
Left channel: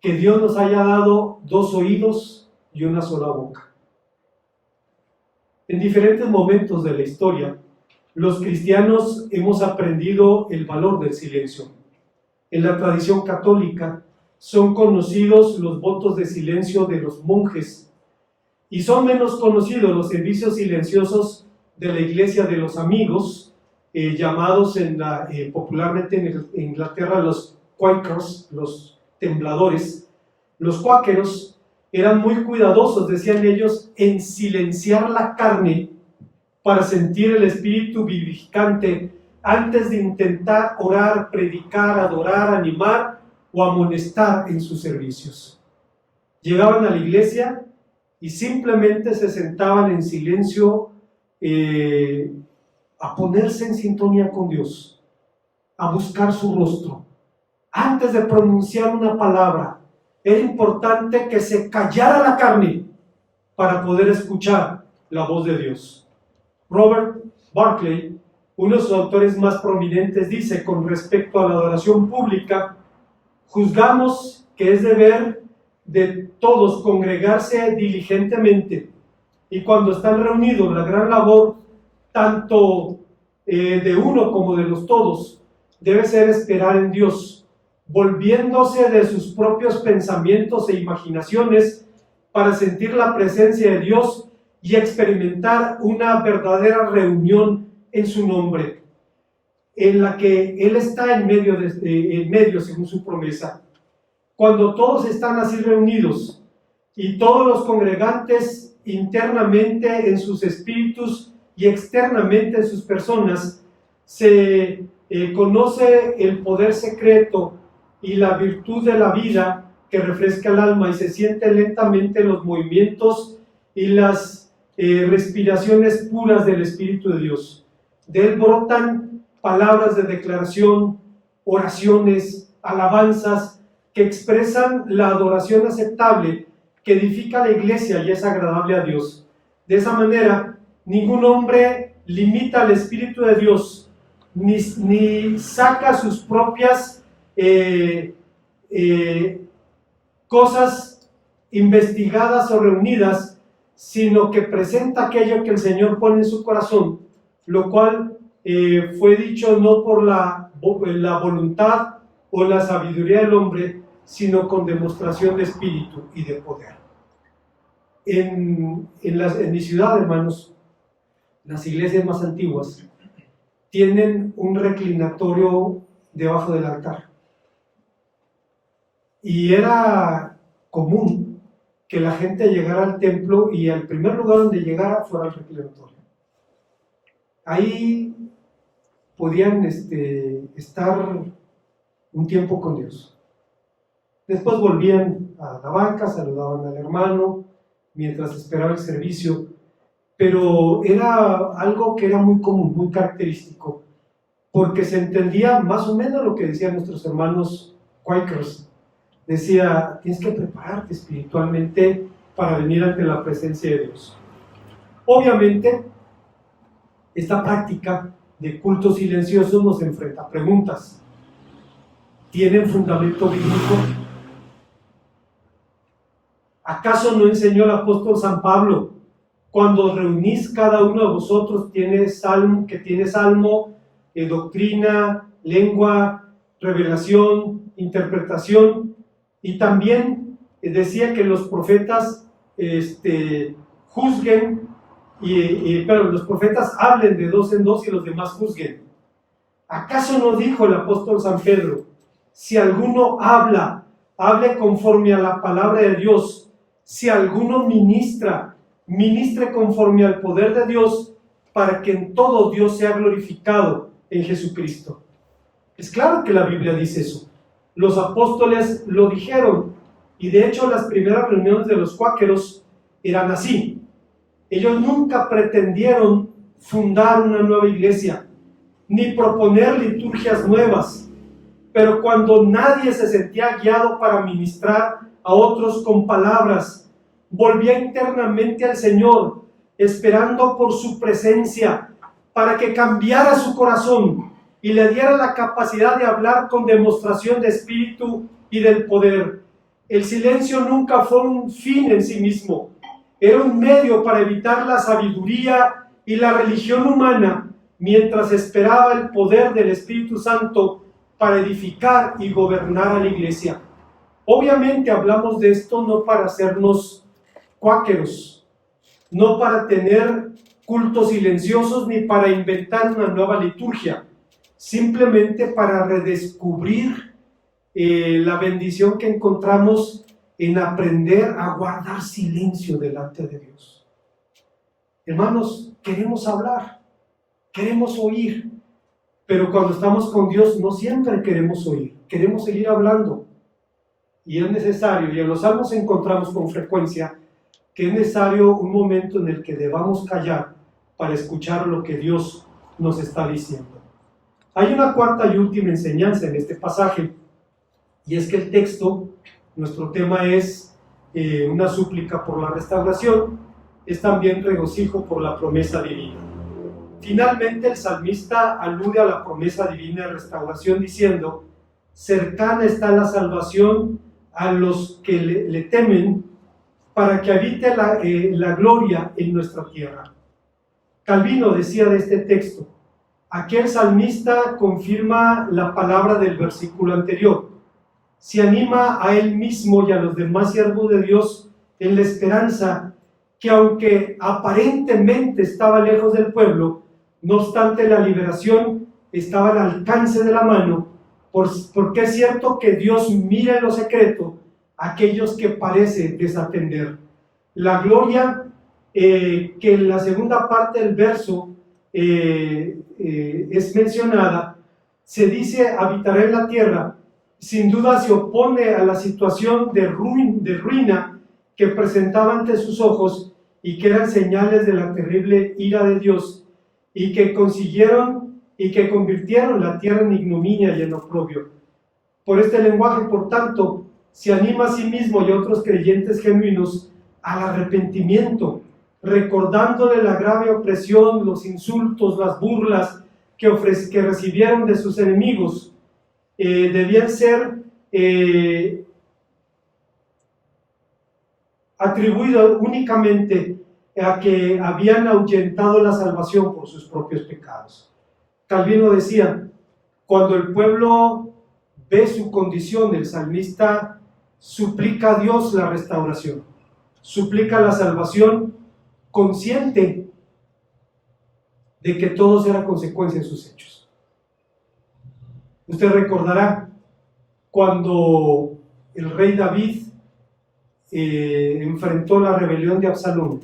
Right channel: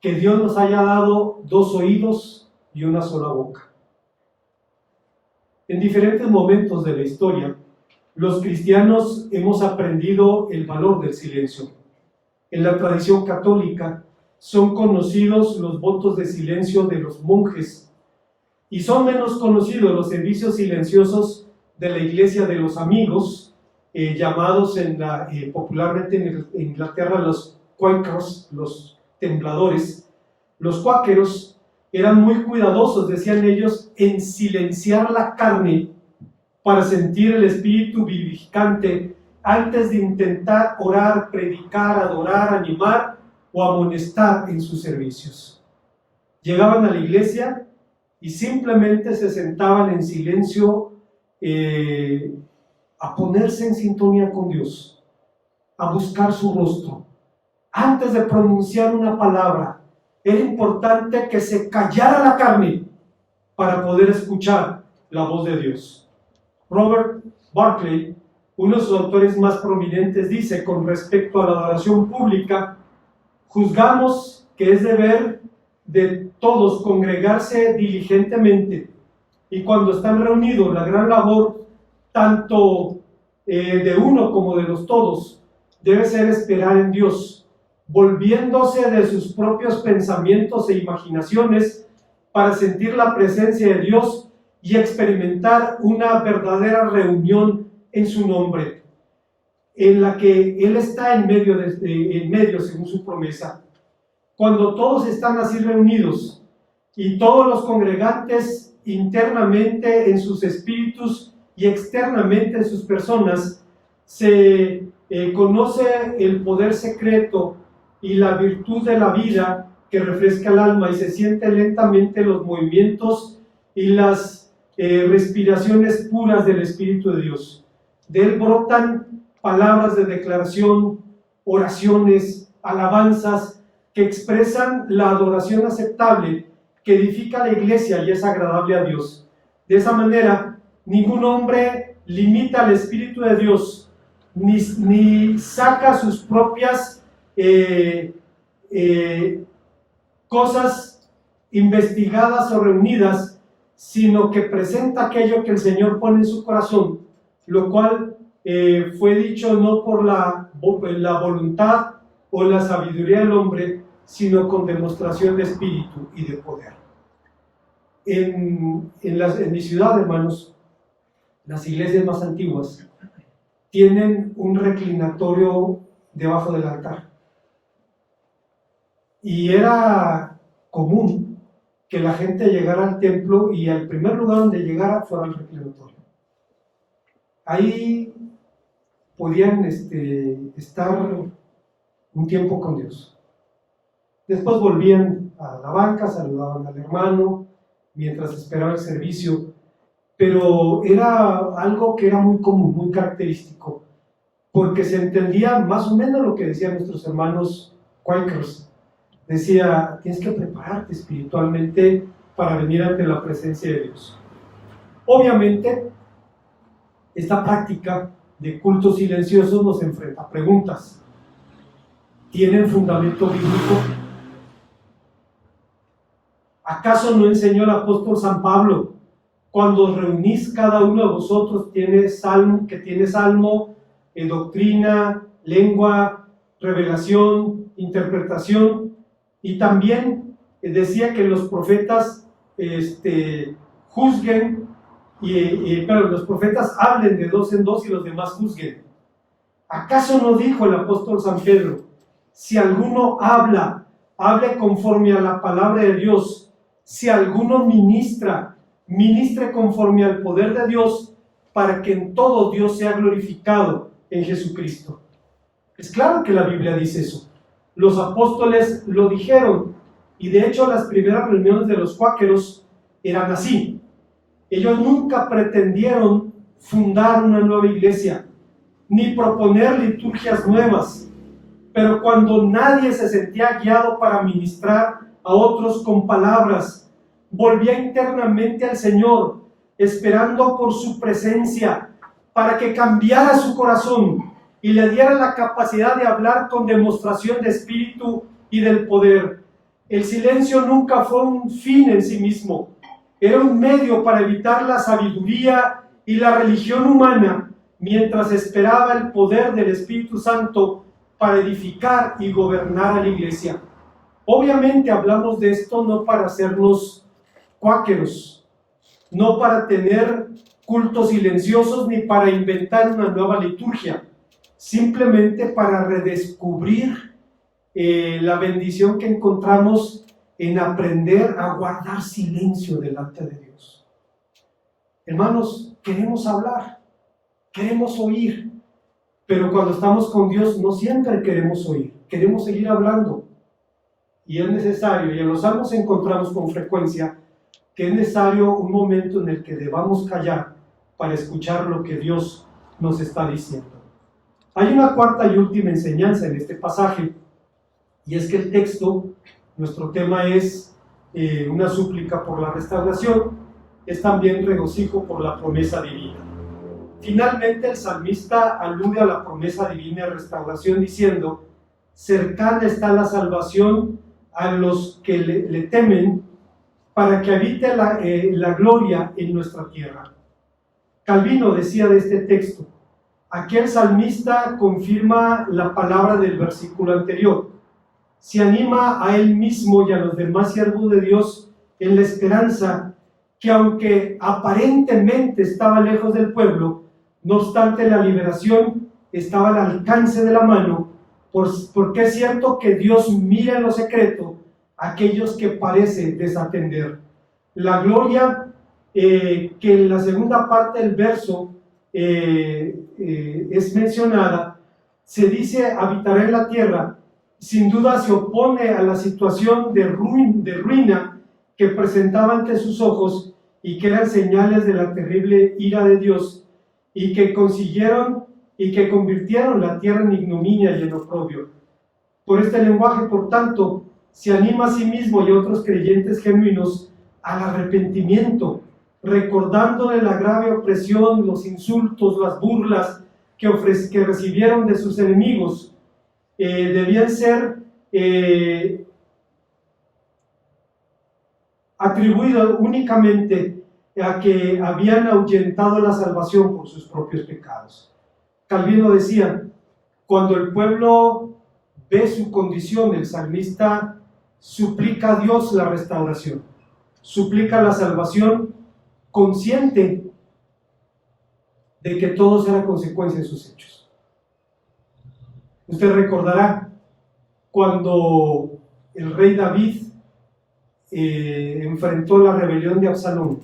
que Dios nos haya dado 2 oídos y una sola boca. En diferentes momentos de la historia, los cristianos hemos aprendido el valor del silencio. En la tradición católica son conocidos los votos de silencio de los monjes y son menos conocidos los servicios silenciosos de la iglesia de los amigos, llamados popularmente en Inglaterra los Quakers, los tembladores. Los cuáqueros eran muy cuidadosos, decían ellos, en silenciar la carne para sentir el espíritu vivificante antes de intentar orar, predicar, adorar, animar o amonestar en sus servicios. Llegaban a la iglesia y simplemente se sentaban en silencio a ponerse en sintonía con Dios, a buscar su rostro. Antes de pronunciar una palabra, era importante que se callara la carne para poder escuchar la voz de Dios. Robert Barclay, uno de sus autores más prominentes, dice con respecto a la adoración pública: juzgamos que es deber de todos congregarse diligentemente, y cuando están reunidos la gran labor, tanto de uno como de los todos, debe ser esperar en Dios, volviéndose de sus propios pensamientos e imaginaciones para sentir la presencia de Dios y experimentar una verdadera reunión en su nombre, en la que Él está en medio según su promesa. Cuando todos están así reunidos y todos los congregantes internamente en sus espíritus y externamente en sus personas, se conoce el poder secreto y la virtud de la vida que refresca el alma, y se sienten lentamente los movimientos y las respiraciones puras del Espíritu de Dios. De él brotan palabras de declaración, oraciones, alabanzas que expresan la adoración aceptable que edifica la iglesia y es agradable a Dios. De esa manera, ningún hombre limita al Espíritu de Dios, ni saca sus propias cosas investigadas o reunidas, sino que presenta aquello que el Señor pone en su corazón, lo cual fue dicho no por la voluntad o la sabiduría del hombre, sino con demostración de espíritu y de poder. En mi ciudad, hermanos, las iglesias más antiguas tienen un reclinatorio debajo del altar. Y era común que la gente llegara al templo y al primer lugar donde llegara fuera el reclinatorio. Ahí podían estar un tiempo con Dios. Después volvían a la banca, saludaban al hermano mientras esperaba el servicio, pero era algo que era muy común, muy característico, porque se entendía más o menos lo que decían nuestros hermanos Quakers. Decía, tienes que prepararte espiritualmente para venir ante la presencia de Dios. Obviamente, esta práctica de cultos silenciosos nos enfrenta a preguntas. ¿Tienen fundamento bíblico? ¿Acaso no enseñó el apóstol San Pablo: cuando reunís cada uno de vosotros tiene salmo, doctrina, lengua, revelación, interpretación? Y también decía que los profetas juzguen, pero los profetas hablen de dos en dos y los demás juzguen. ¿Acaso no dijo el apóstol San Pedro: si alguno hable conforme a la palabra de Dios? Si alguno ministre conforme al poder de Dios, para que en todo Dios sea glorificado en Jesucristo. Es claro que la Biblia dice eso. Los apóstoles lo dijeron, y de hecho las primeras reuniones de los cuáqueros eran así. Ellos nunca pretendieron fundar una nueva iglesia, ni proponer liturgias nuevas, pero cuando nadie se sentía guiado para ministrar a otros con palabras, volvía internamente al Señor, esperando por su presencia, para que cambiara su corazón y le diera la capacidad de hablar con demostración de espíritu y del poder. El silencio nunca fue un fin en sí mismo, era un medio para evitar la sabiduría y la religión humana, mientras esperaba el poder del Espíritu Santo para edificar y gobernar a la iglesia. Obviamente hablamos de esto no para hacernos cuáqueros, no para tener cultos silenciosos ni para inventar una nueva liturgia, simplemente para redescubrir la bendición que encontramos en aprender a guardar silencio delante de Dios. Hermanos, queremos hablar, queremos oír, pero cuando estamos con Dios no siempre queremos oír, queremos seguir hablando. Y es necesario, y en los salmos encontramos con frecuencia, que es necesario un momento en el que debamos callar para escuchar lo que Dios nos está diciendo. Hay una cuarta y última enseñanza en este pasaje, y es que el texto, nuestro tema es una súplica por la restauración, es también regocijo por la promesa divina. Finalmente, el salmista alude a la promesa divina de restauración diciendo: cercana está la salvación a los que le temen, para que habite la gloria en nuestra tierra. Calvino decía de este texto: aquí el salmista confirma la palabra del versículo anterior. Se anima a él mismo y a los demás siervos de Dios en la esperanza que, aunque aparentemente estaba lejos del pueblo, no obstante la liberación estaba al alcance de la mano, porque es cierto que Dios mira en lo secreto a aquellos que parece desatender. La gloria que en la segunda parte del verso es mencionada, se dice habitará en la tierra, sin duda se opone a la situación de ruina que presentaba ante sus ojos y que eran señales de la terrible ira de Dios, y que convirtieron la tierra en ignominia y en oprobio. Por este lenguaje, por tanto, se anima a sí mismo y a otros creyentes genuinos al arrepentimiento, recordándole la grave opresión, los insultos, las burlas que recibieron de sus enemigos. Debían ser atribuidos únicamente a que habían ahuyentado la salvación por sus propios pecados. Calvino decía: cuando el pueblo ve su condición, el salmista suplica a Dios la restauración, suplica la salvación, consciente de que todo será consecuencia de sus hechos. Usted recordará cuando el rey David enfrentó la rebelión de Absalón.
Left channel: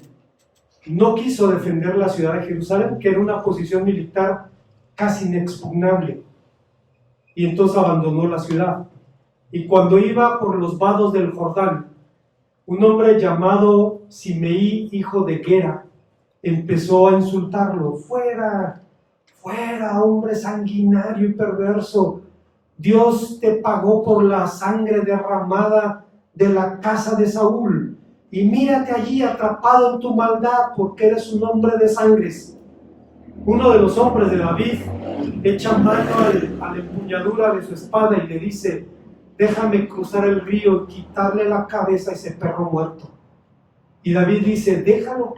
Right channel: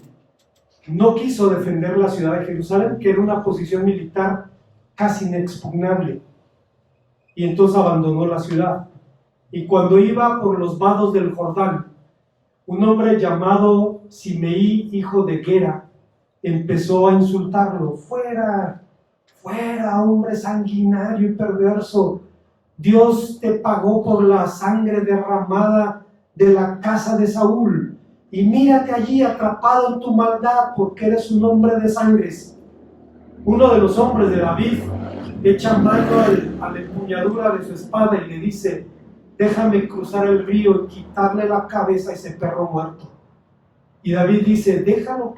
No quiso defender la ciudad de Jerusalén, que era una posición militar casi inexpugnable, y entonces abandonó la ciudad. Y cuando iba por los vados del Jordán, un hombre llamado Simeí, hijo de Gera, empezó a insultarlo: fuera, fuera, hombre sanguinario y perverso, Dios te pagó por la sangre derramada de la casa de Saúl, y mírate allí atrapado en tu maldad, porque eres un hombre de sangres. Uno de los hombres de David echa mano a la empuñadura de su espada y le dice: déjame cruzar el río y quitarle la cabeza a ese perro muerto. Y David dice: déjalo,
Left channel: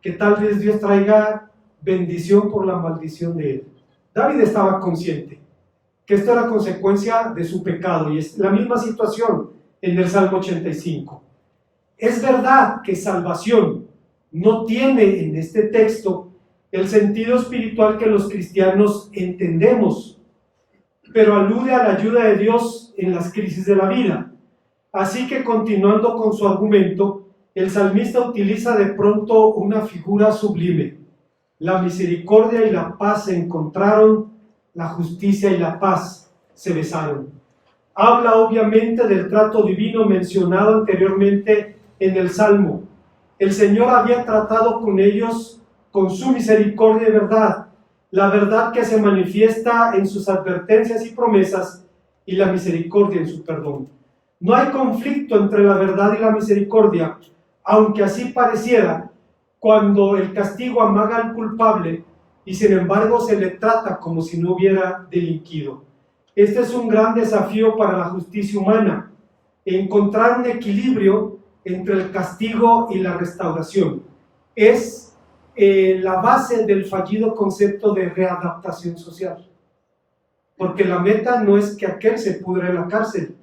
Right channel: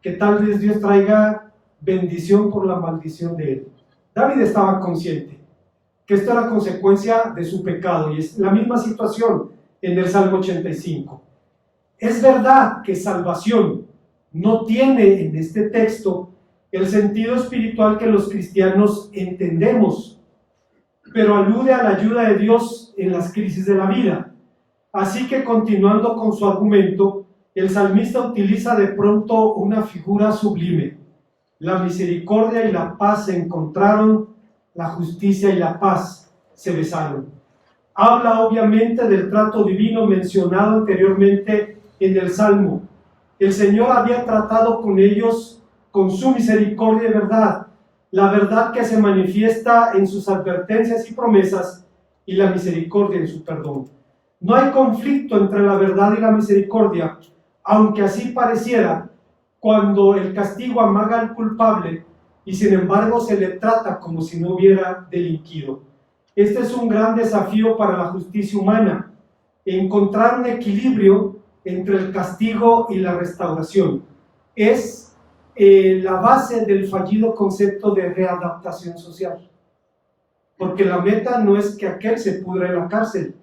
que tal vez Dios traiga bendición por la maldición de él. David estaba consciente que esto era consecuencia de su pecado, y es la misma situación en el Salmo 85. Es verdad que salvación no tiene en este texto el sentido espiritual que los cristianos entendemos, pero alude a la ayuda de Dios en las crisis de la vida. Así que, continuando con su argumento, el salmista utiliza de pronto una figura sublime. La misericordia y la paz se encontraron, la justicia y la paz se besaron. Habla obviamente del trato divino mencionado anteriormente en el Salmo. El Señor había tratado con ellos con su misericordia y verdad, la verdad que se manifiesta en sus advertencias y promesas, y la misericordia en su perdón. No hay conflicto entre la verdad y la misericordia, aunque así pareciera cuando el castigo amaga al culpable y sin embargo se le trata como si no hubiera delinquido. Este es un gran desafío para la justicia humana: encontrar un equilibrio entre el castigo y la restauración. Es la base del fallido concepto de readaptación social, porque la meta no es que aquel se pudra en la cárcel,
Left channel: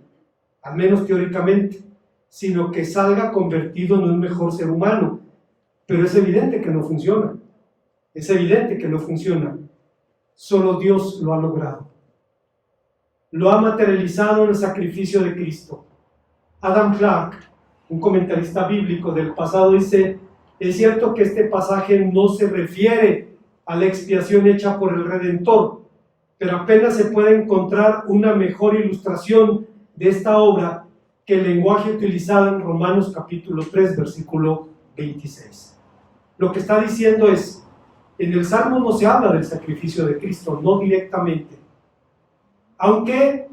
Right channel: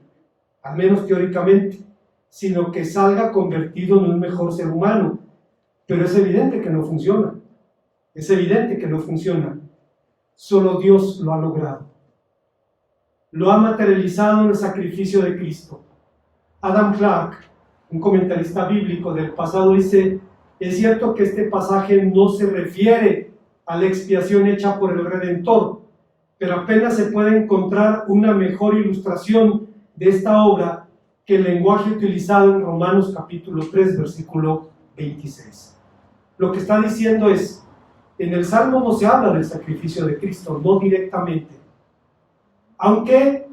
al menos teóricamente, sino que salga convertido en un mejor ser humano. Pero es evidente que no funciona, es evidente que no funciona. Solo Dios lo ha logrado, lo ha materializado en el sacrificio de Cristo. Adam Clarke, un comentarista bíblico del pasado, dice: es cierto que este pasaje no se refiere a la expiación hecha por el Redentor, pero apenas se puede encontrar una mejor ilustración de esta obra que el lenguaje utilizado en Romanos capítulo 3, versículo 26. Lo que está diciendo es: en el Salmo no se habla del sacrificio de Cristo, no directamente. Aunque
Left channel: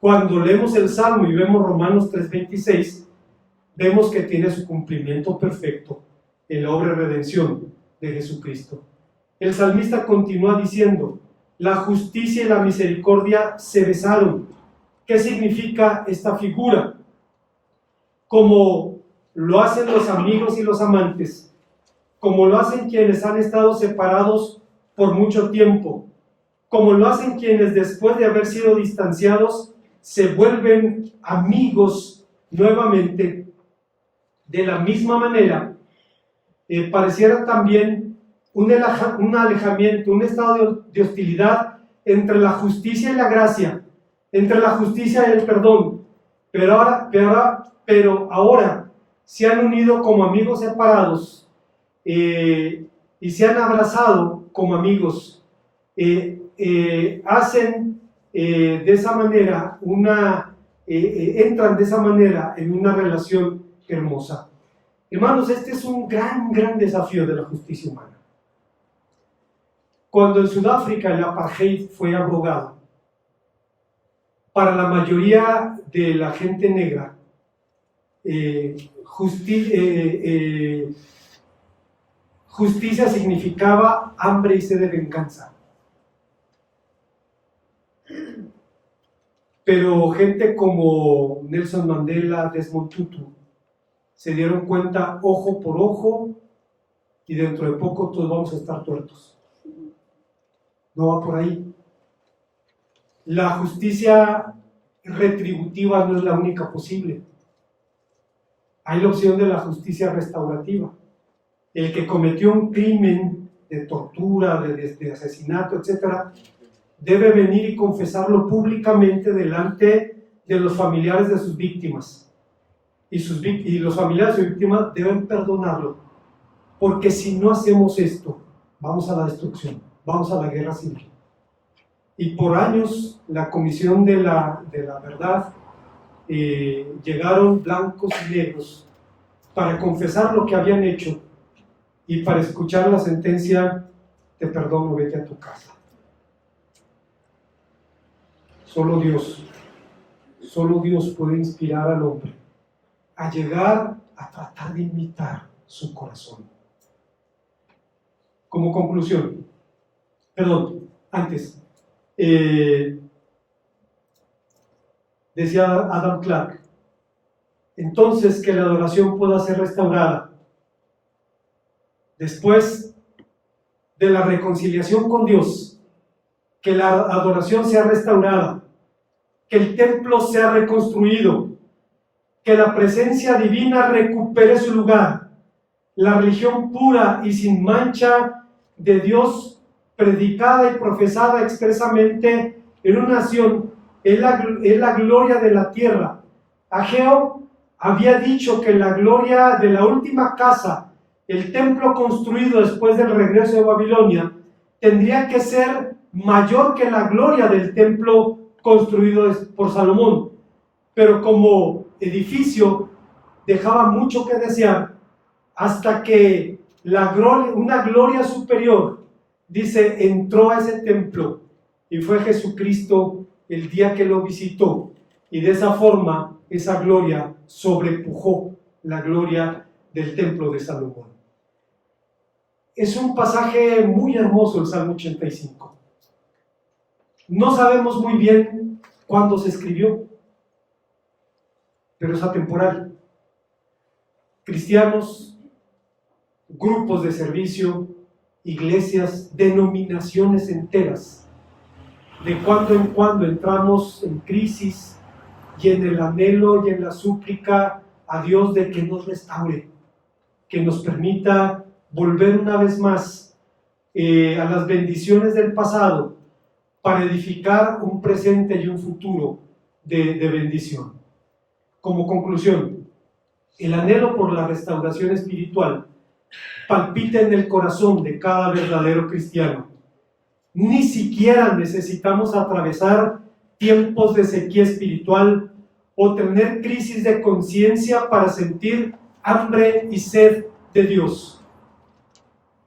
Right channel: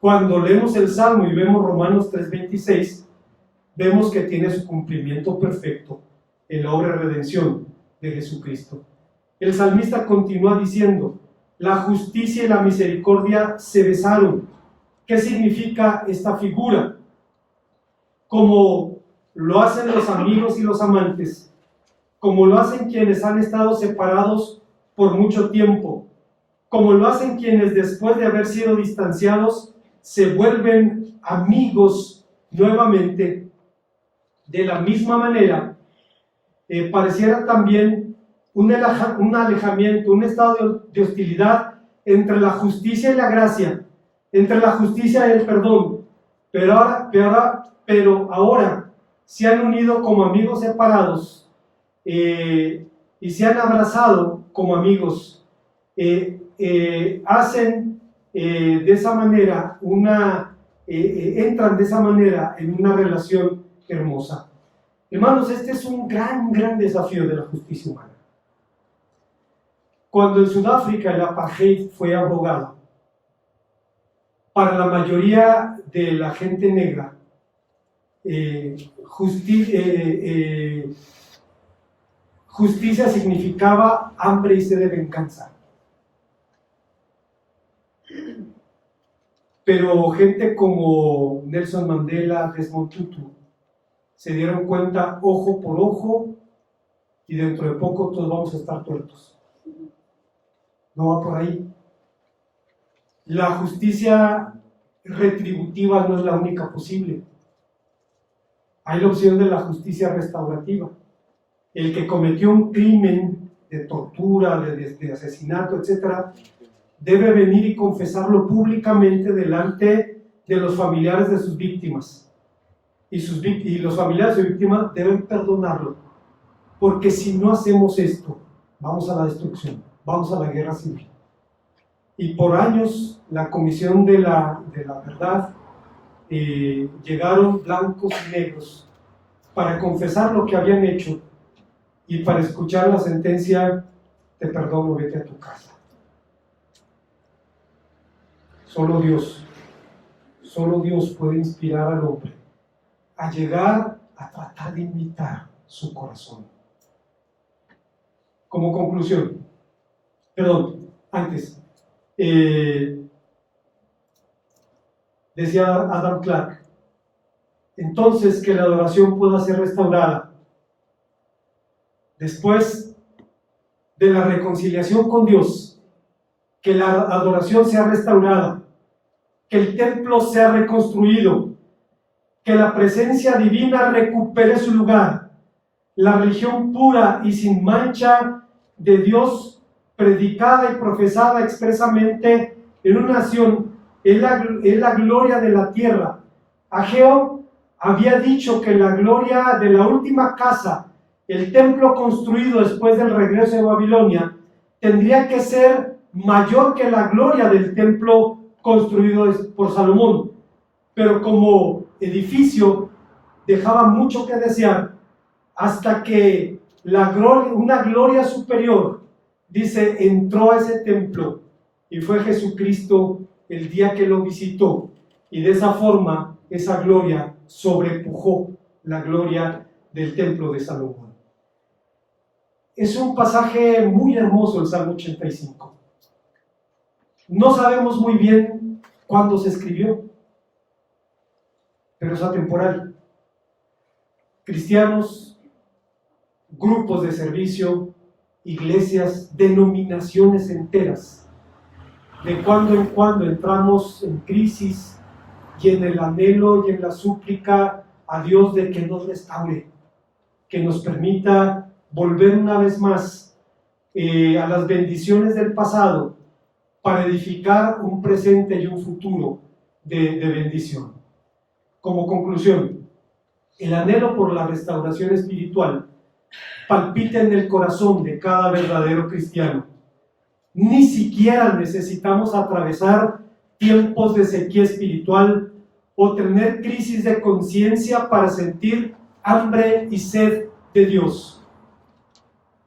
cuando leemos el Salmo y vemos Romanos 3:26, vemos que tiene su cumplimiento perfecto en la obra de redención de Jesucristo. El salmista continúa diciendo: la justicia y la misericordia se besaron. ¿Qué significa esta figura? Como lo hacen los amigos y los amantes, como lo hacen quienes han estado separados por mucho tiempo, como lo hacen quienes después de haber sido distanciados se vuelven amigos nuevamente. De la misma manera, pareciera también un alejamiento, un estado de hostilidad entre la justicia y la gracia, entre la justicia y el perdón, pero ahora se han unido como amigos separados y se han abrazado como amigos. Hacen de esa manera entran de esa manera en una relación hermosa. Hermanos, este es un gran desafío de la justicia humana. Cuando en Sudáfrica el apartheid fue abrogado, para la mayoría de la gente negra, justicia significaba hambre y sed de venganza. Pero gente como Nelson Mandela, Desmond Tutu, se dieron cuenta ojo por ojo y dentro de poco todos vamos a estar tuertos. No va por ahí. La justicia retributiva no es la única posible. Hay la opción de la justicia restaurativa. El que cometió un crimen de tortura, de asesinato, etc., debe venir y confesarlo públicamente delante de los familiares de sus víctimas. Y los familiares de sus víctimas deben perdonarlo. Porque si no hacemos esto, vamos a la destrucción, vamos a la guerra civil. Y por años la Comisión de la Verdad llegaron blancos y negros para confesar lo que habían hecho y para escuchar la sentencia: te perdono, vete a tu casa. Solo Dios puede inspirar al hombre a llegar a tratar de imitar su corazón. Como conclusión, antes, decía Adam Clarke, entonces que la adoración pueda ser restaurada, después de la reconciliación con Dios, que la adoración sea restaurada, que el templo sea reconstruido, que la presencia divina recupere su lugar, la religión pura y sin mancha de Dios, predicada y profesada expresamente en una nación, es la gloria de la tierra. Ageo había dicho que la gloria de la última casa, el templo construido después del regreso de Babilonia, tendría que ser mayor que la gloria del templo construido por Salomón, pero como edificio dejaba mucho que desear, hasta que una gloria superior, dice, entró a ese templo, y fue Jesucristo el día que lo visitó, y de esa forma esa gloria sobrepujó la gloria del templo de Salomón. Es un pasaje muy hermoso el Salmo 85. No sabemos muy bien cuándo se escribió, pero es atemporal. Cristianos, grupos de servicio, iglesias, denominaciones enteras, de cuando en cuando entramos en crisis y en el anhelo y en la súplica a Dios de que nos restaure, que nos permita volver una vez más a las bendiciones del pasado para edificar un presente y un futuro de bendición. Como conclusión, el anhelo por la restauración espiritual palpita en el corazón de cada verdadero cristiano. Ni siquiera necesitamos atravesar tiempos de sequía espiritual o tener crisis de conciencia para sentir hambre y sed de Dios.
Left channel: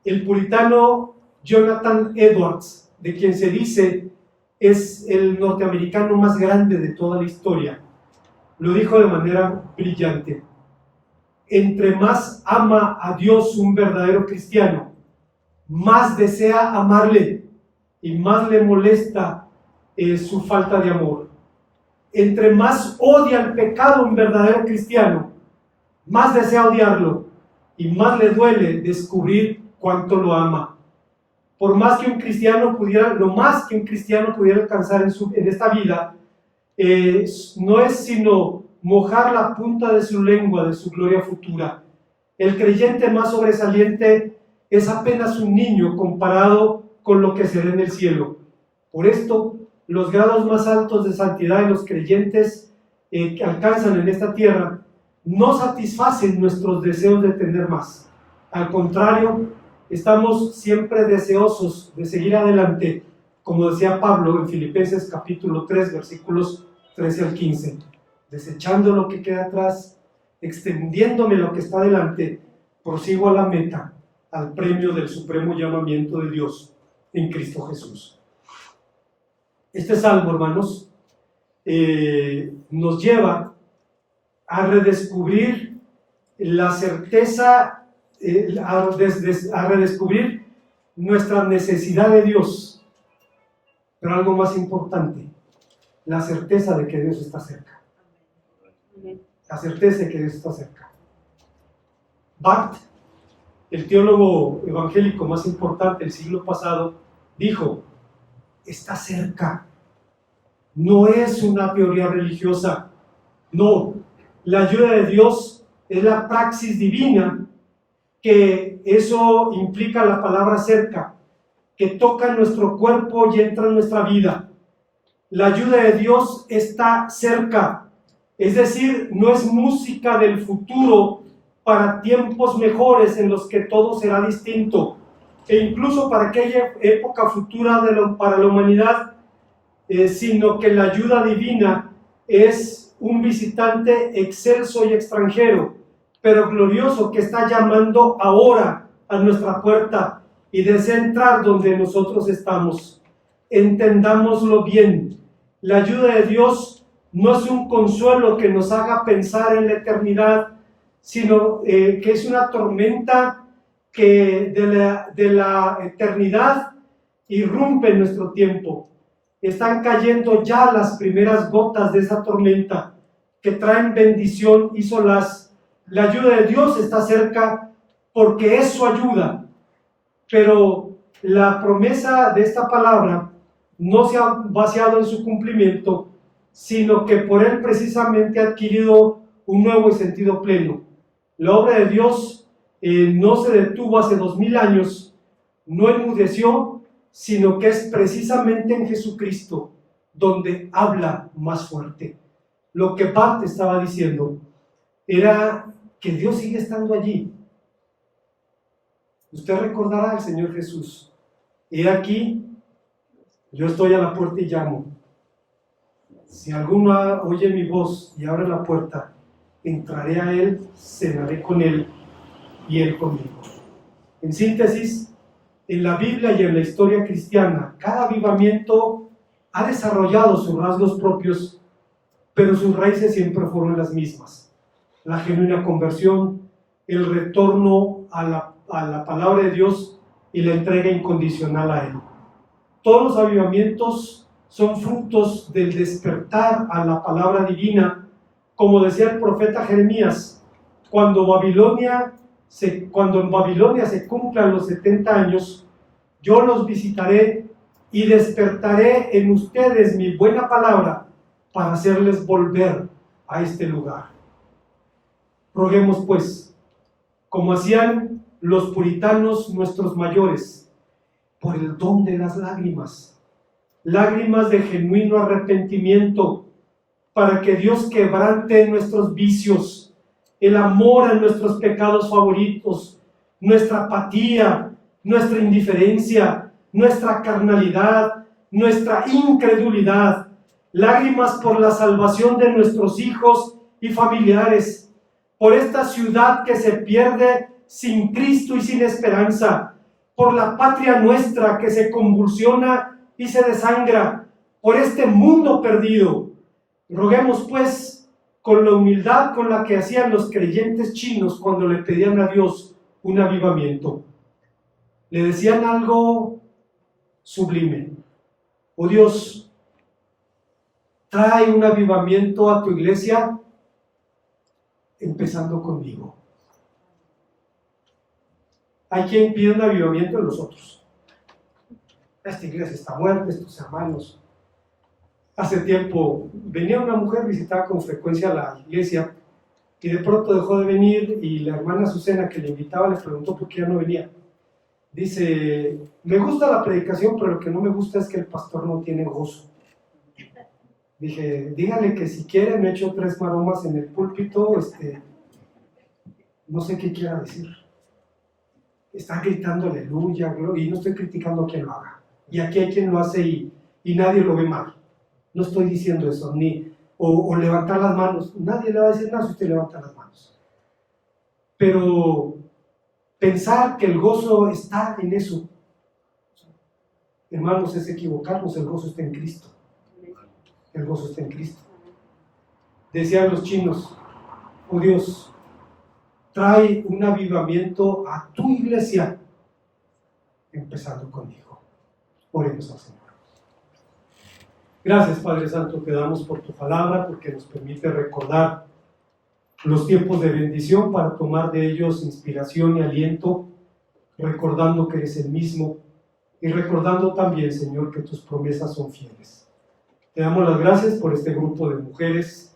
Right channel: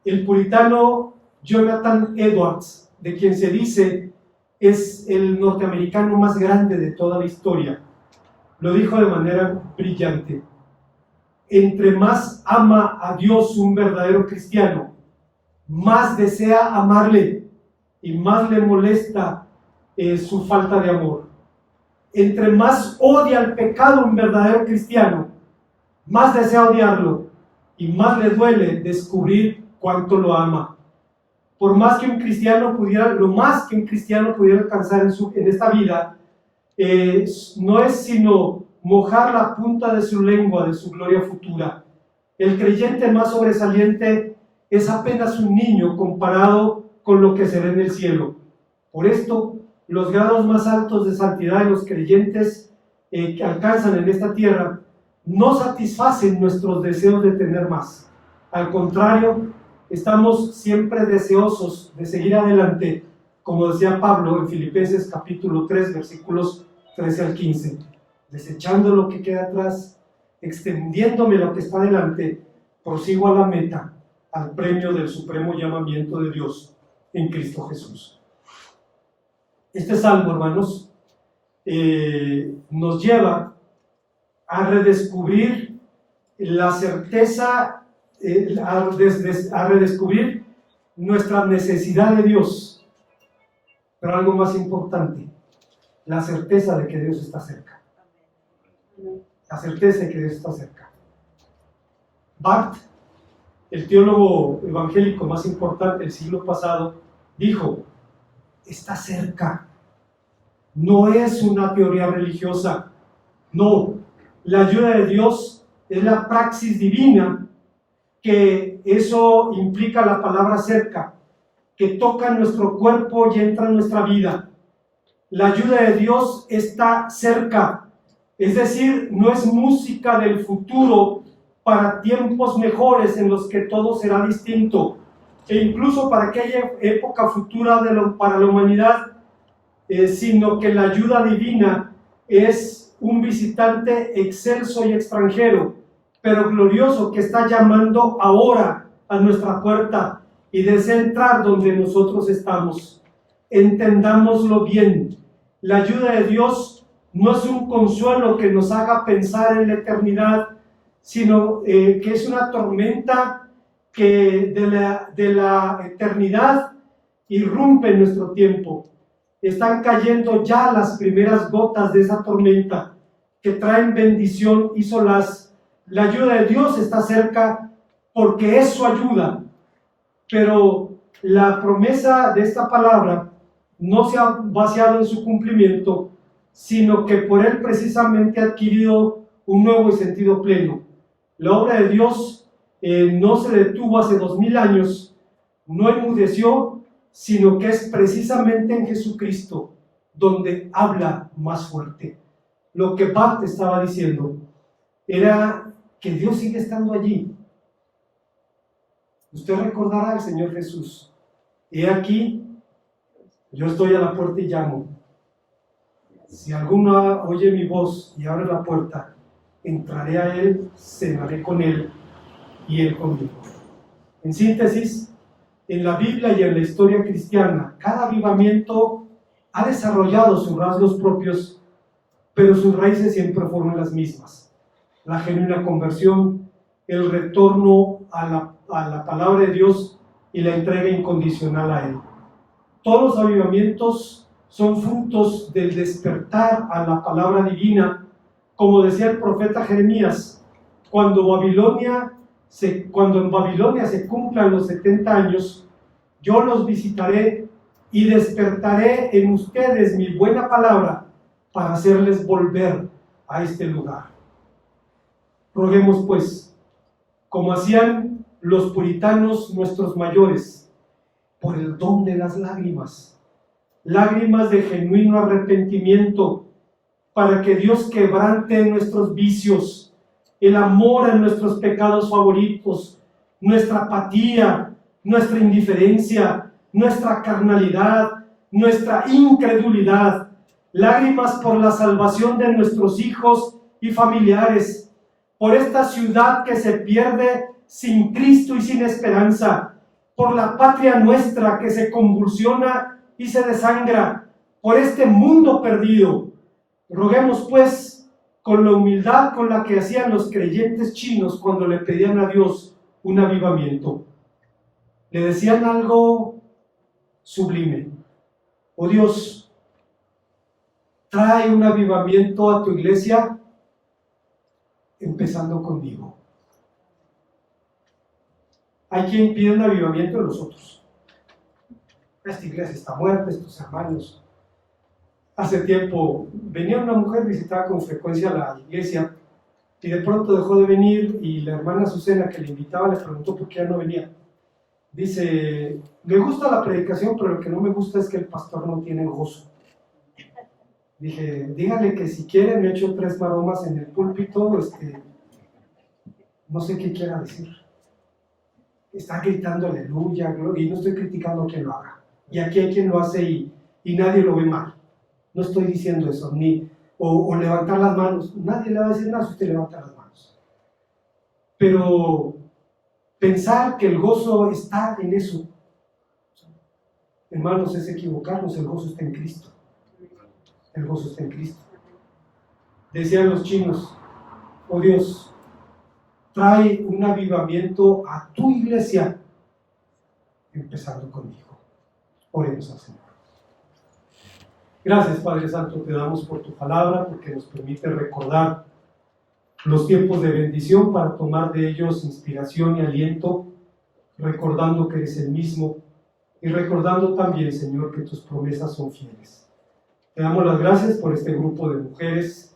El puritano Jonathan Edwards, de quien se dice es el norteamericano más grande de toda la historia, lo dijo de manera brillante. entre más ama a Dios un verdadero cristiano, más desea amarle y más le molesta su falta de amor. Entre más odia el pecado un verdadero cristiano, más desea odiarlo y más le duele descubrir cuánto lo ama. Por más que un cristiano pudiera, lo más que un cristiano pudiera alcanzar en esta vida, no es sino mojar la punta de su lengua de su gloria futura. El creyente más sobresaliente es apenas un niño comparado con lo que será en el cielo. Por esto, los grados más altos de santidad de los creyentes que alcanzan en esta tierra no satisfacen nuestros deseos de tener más. Al contrario, estamos siempre deseosos de seguir adelante, como decía Pablo en Filipenses capítulo 3, versículos 13 al 15. Desechando lo que queda atrás, extendiéndome lo que está delante, prosigo a la meta, al premio del supremo llamamiento de Dios en Cristo Jesús. Este salmo, hermanos, nos lleva a redescubrir la certeza, a redescubrir nuestra necesidad de Dios, pero algo más importante, la certeza de que Dios está cerca. La certeza de que Dios está cerca. Barth, el teólogo evangélico más importante del siglo pasado, dijo: está cerca. No es una teoría religiosa. No, la ayuda de Dios es la praxis divina, que eso implica la palabra cerca, que toca nuestro cuerpo y entra en nuestra vida. La ayuda de Dios está cerca, es decir, no es música del futuro para tiempos mejores en los que todo será distinto, e incluso para aquella época futura para la humanidad, sino que la ayuda divina es un visitante excelso y extranjero, pero glorioso, que está llamando ahora a nuestra puerta y desea entrar donde nosotros estamos. Entendámoslo bien. La ayuda de Dios no es un consuelo que nos haga pensar en la eternidad, sino que es una tormenta que de la eternidad irrumpe en nuestro tiempo. Están cayendo ya las primeras gotas de esa tormenta que traen bendición y solaz. La ayuda de Dios está cerca porque es su ayuda, pero la promesa de esta palabra no se ha vaciado en su cumplimiento, sino que por él precisamente ha adquirido un nuevo y sentido pleno. La obra de Dios no se detuvo hace 2000 años, no enmudeció, sino que es precisamente en Jesucristo donde habla más fuerte. Lo que Barth estaba diciendo era que Dios sigue estando allí. Usted recordará al Señor Jesús: he aquí, yo estoy a la puerta y llamo. Si alguno oye mi voz y abre la puerta, entraré a él, cenaré con él y él conmigo. En síntesis, en la Biblia y en la historia cristiana, cada avivamiento ha desarrollado sus rasgos propios, pero sus raíces siempre fueron las mismas: la genuina conversión, el retorno a la palabra de Dios y la entrega incondicional a Él. Todos los avivamientos son frutos del despertar a la palabra divina, como decía el profeta Jeremías: cuando en Babilonia se cumplan los 70 años, yo los visitaré y despertaré en ustedes mi buena palabra para hacerles volver a este lugar. Roguemos pues, como hacían los puritanos nuestros mayores, por el don de las lágrimas de genuino arrepentimiento, para que Dios quebrante nuestros vicios, el amor a nuestros pecados favoritos, nuestra apatía, nuestra indiferencia, nuestra carnalidad, nuestra incredulidad, lágrimas por la salvación de nuestros hijos y familiares, por esta ciudad que se pierde sin Cristo y sin esperanza, por la patria nuestra que se convulsiona y se desangra, por este mundo perdido. Roguemos pues, con la humildad con la que hacían los creyentes chinos cuando le pedían a Dios un avivamiento. Le decían algo sublime: oh Dios, trae un avivamiento a tu iglesia, empezando conmigo. Hay quien pide un avivamiento en los otros. Esta iglesia está muerta, estos hermanos. Hace tiempo venía una mujer, visitaba con frecuencia la iglesia, y de pronto dejó de venir, y la hermana Azucena, que le invitaba, le preguntó por qué ya no venía. Dice: me gusta la predicación, pero lo que no me gusta es que el pastor no tiene gozo. Dije: dígale que si quiere me echo 3 maromas en el púlpito, no sé qué quiera decir. Está gritando aleluya, y no estoy criticando a quien lo haga. Y aquí hay quien lo hace y nadie lo ve mal. No estoy diciendo eso, o levantar las manos. Nadie le va a decir nada si usted levanta las manos. Pero pensar que el gozo está en eso, hermanos, es equivocarnos. El gozo está en Cristo. El gozo está en Cristo. Decían los chinos: oh Dios, trae un avivamiento a tu iglesia, empezando conmigo. Oremos al Señor. Gracias, Padre Santo, te damos por tu palabra, porque nos permite recordar los tiempos de bendición para tomar de ellos inspiración y aliento, recordando que eres el mismo y recordando también, Señor, que tus promesas son fieles. Te damos las gracias por este grupo de mujeres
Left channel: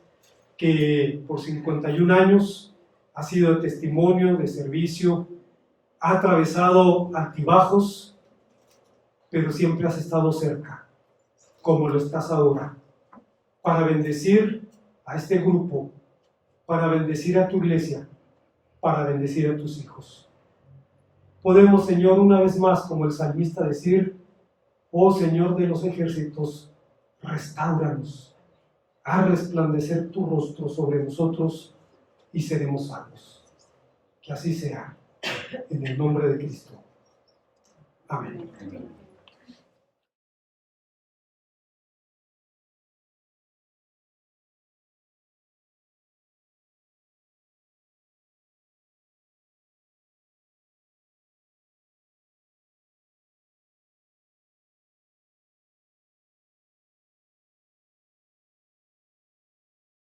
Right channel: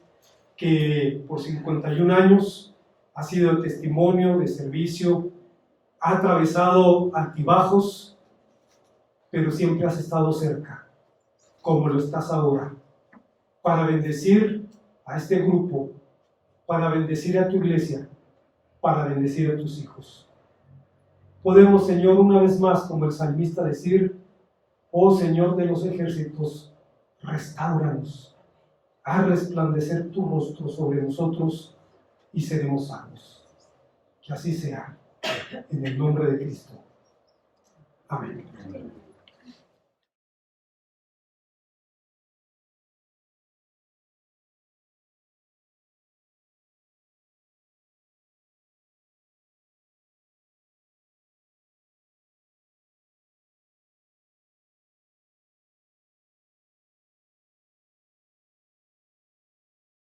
que por 51 años ha sido de testimonio, de servicio, ha atravesado altibajos, pero siempre has estado cerca, como lo estás ahora, para bendecir a este grupo, para bendecir a tu iglesia, para bendecir a tus hijos. Podemos, Señor, una vez más, como el salmista, decir: oh Señor de los ejércitos, restáuranos, haz resplandecer tu rostro sobre nosotros y seremos salvos. Que así sea, en el nombre de Cristo. Amén.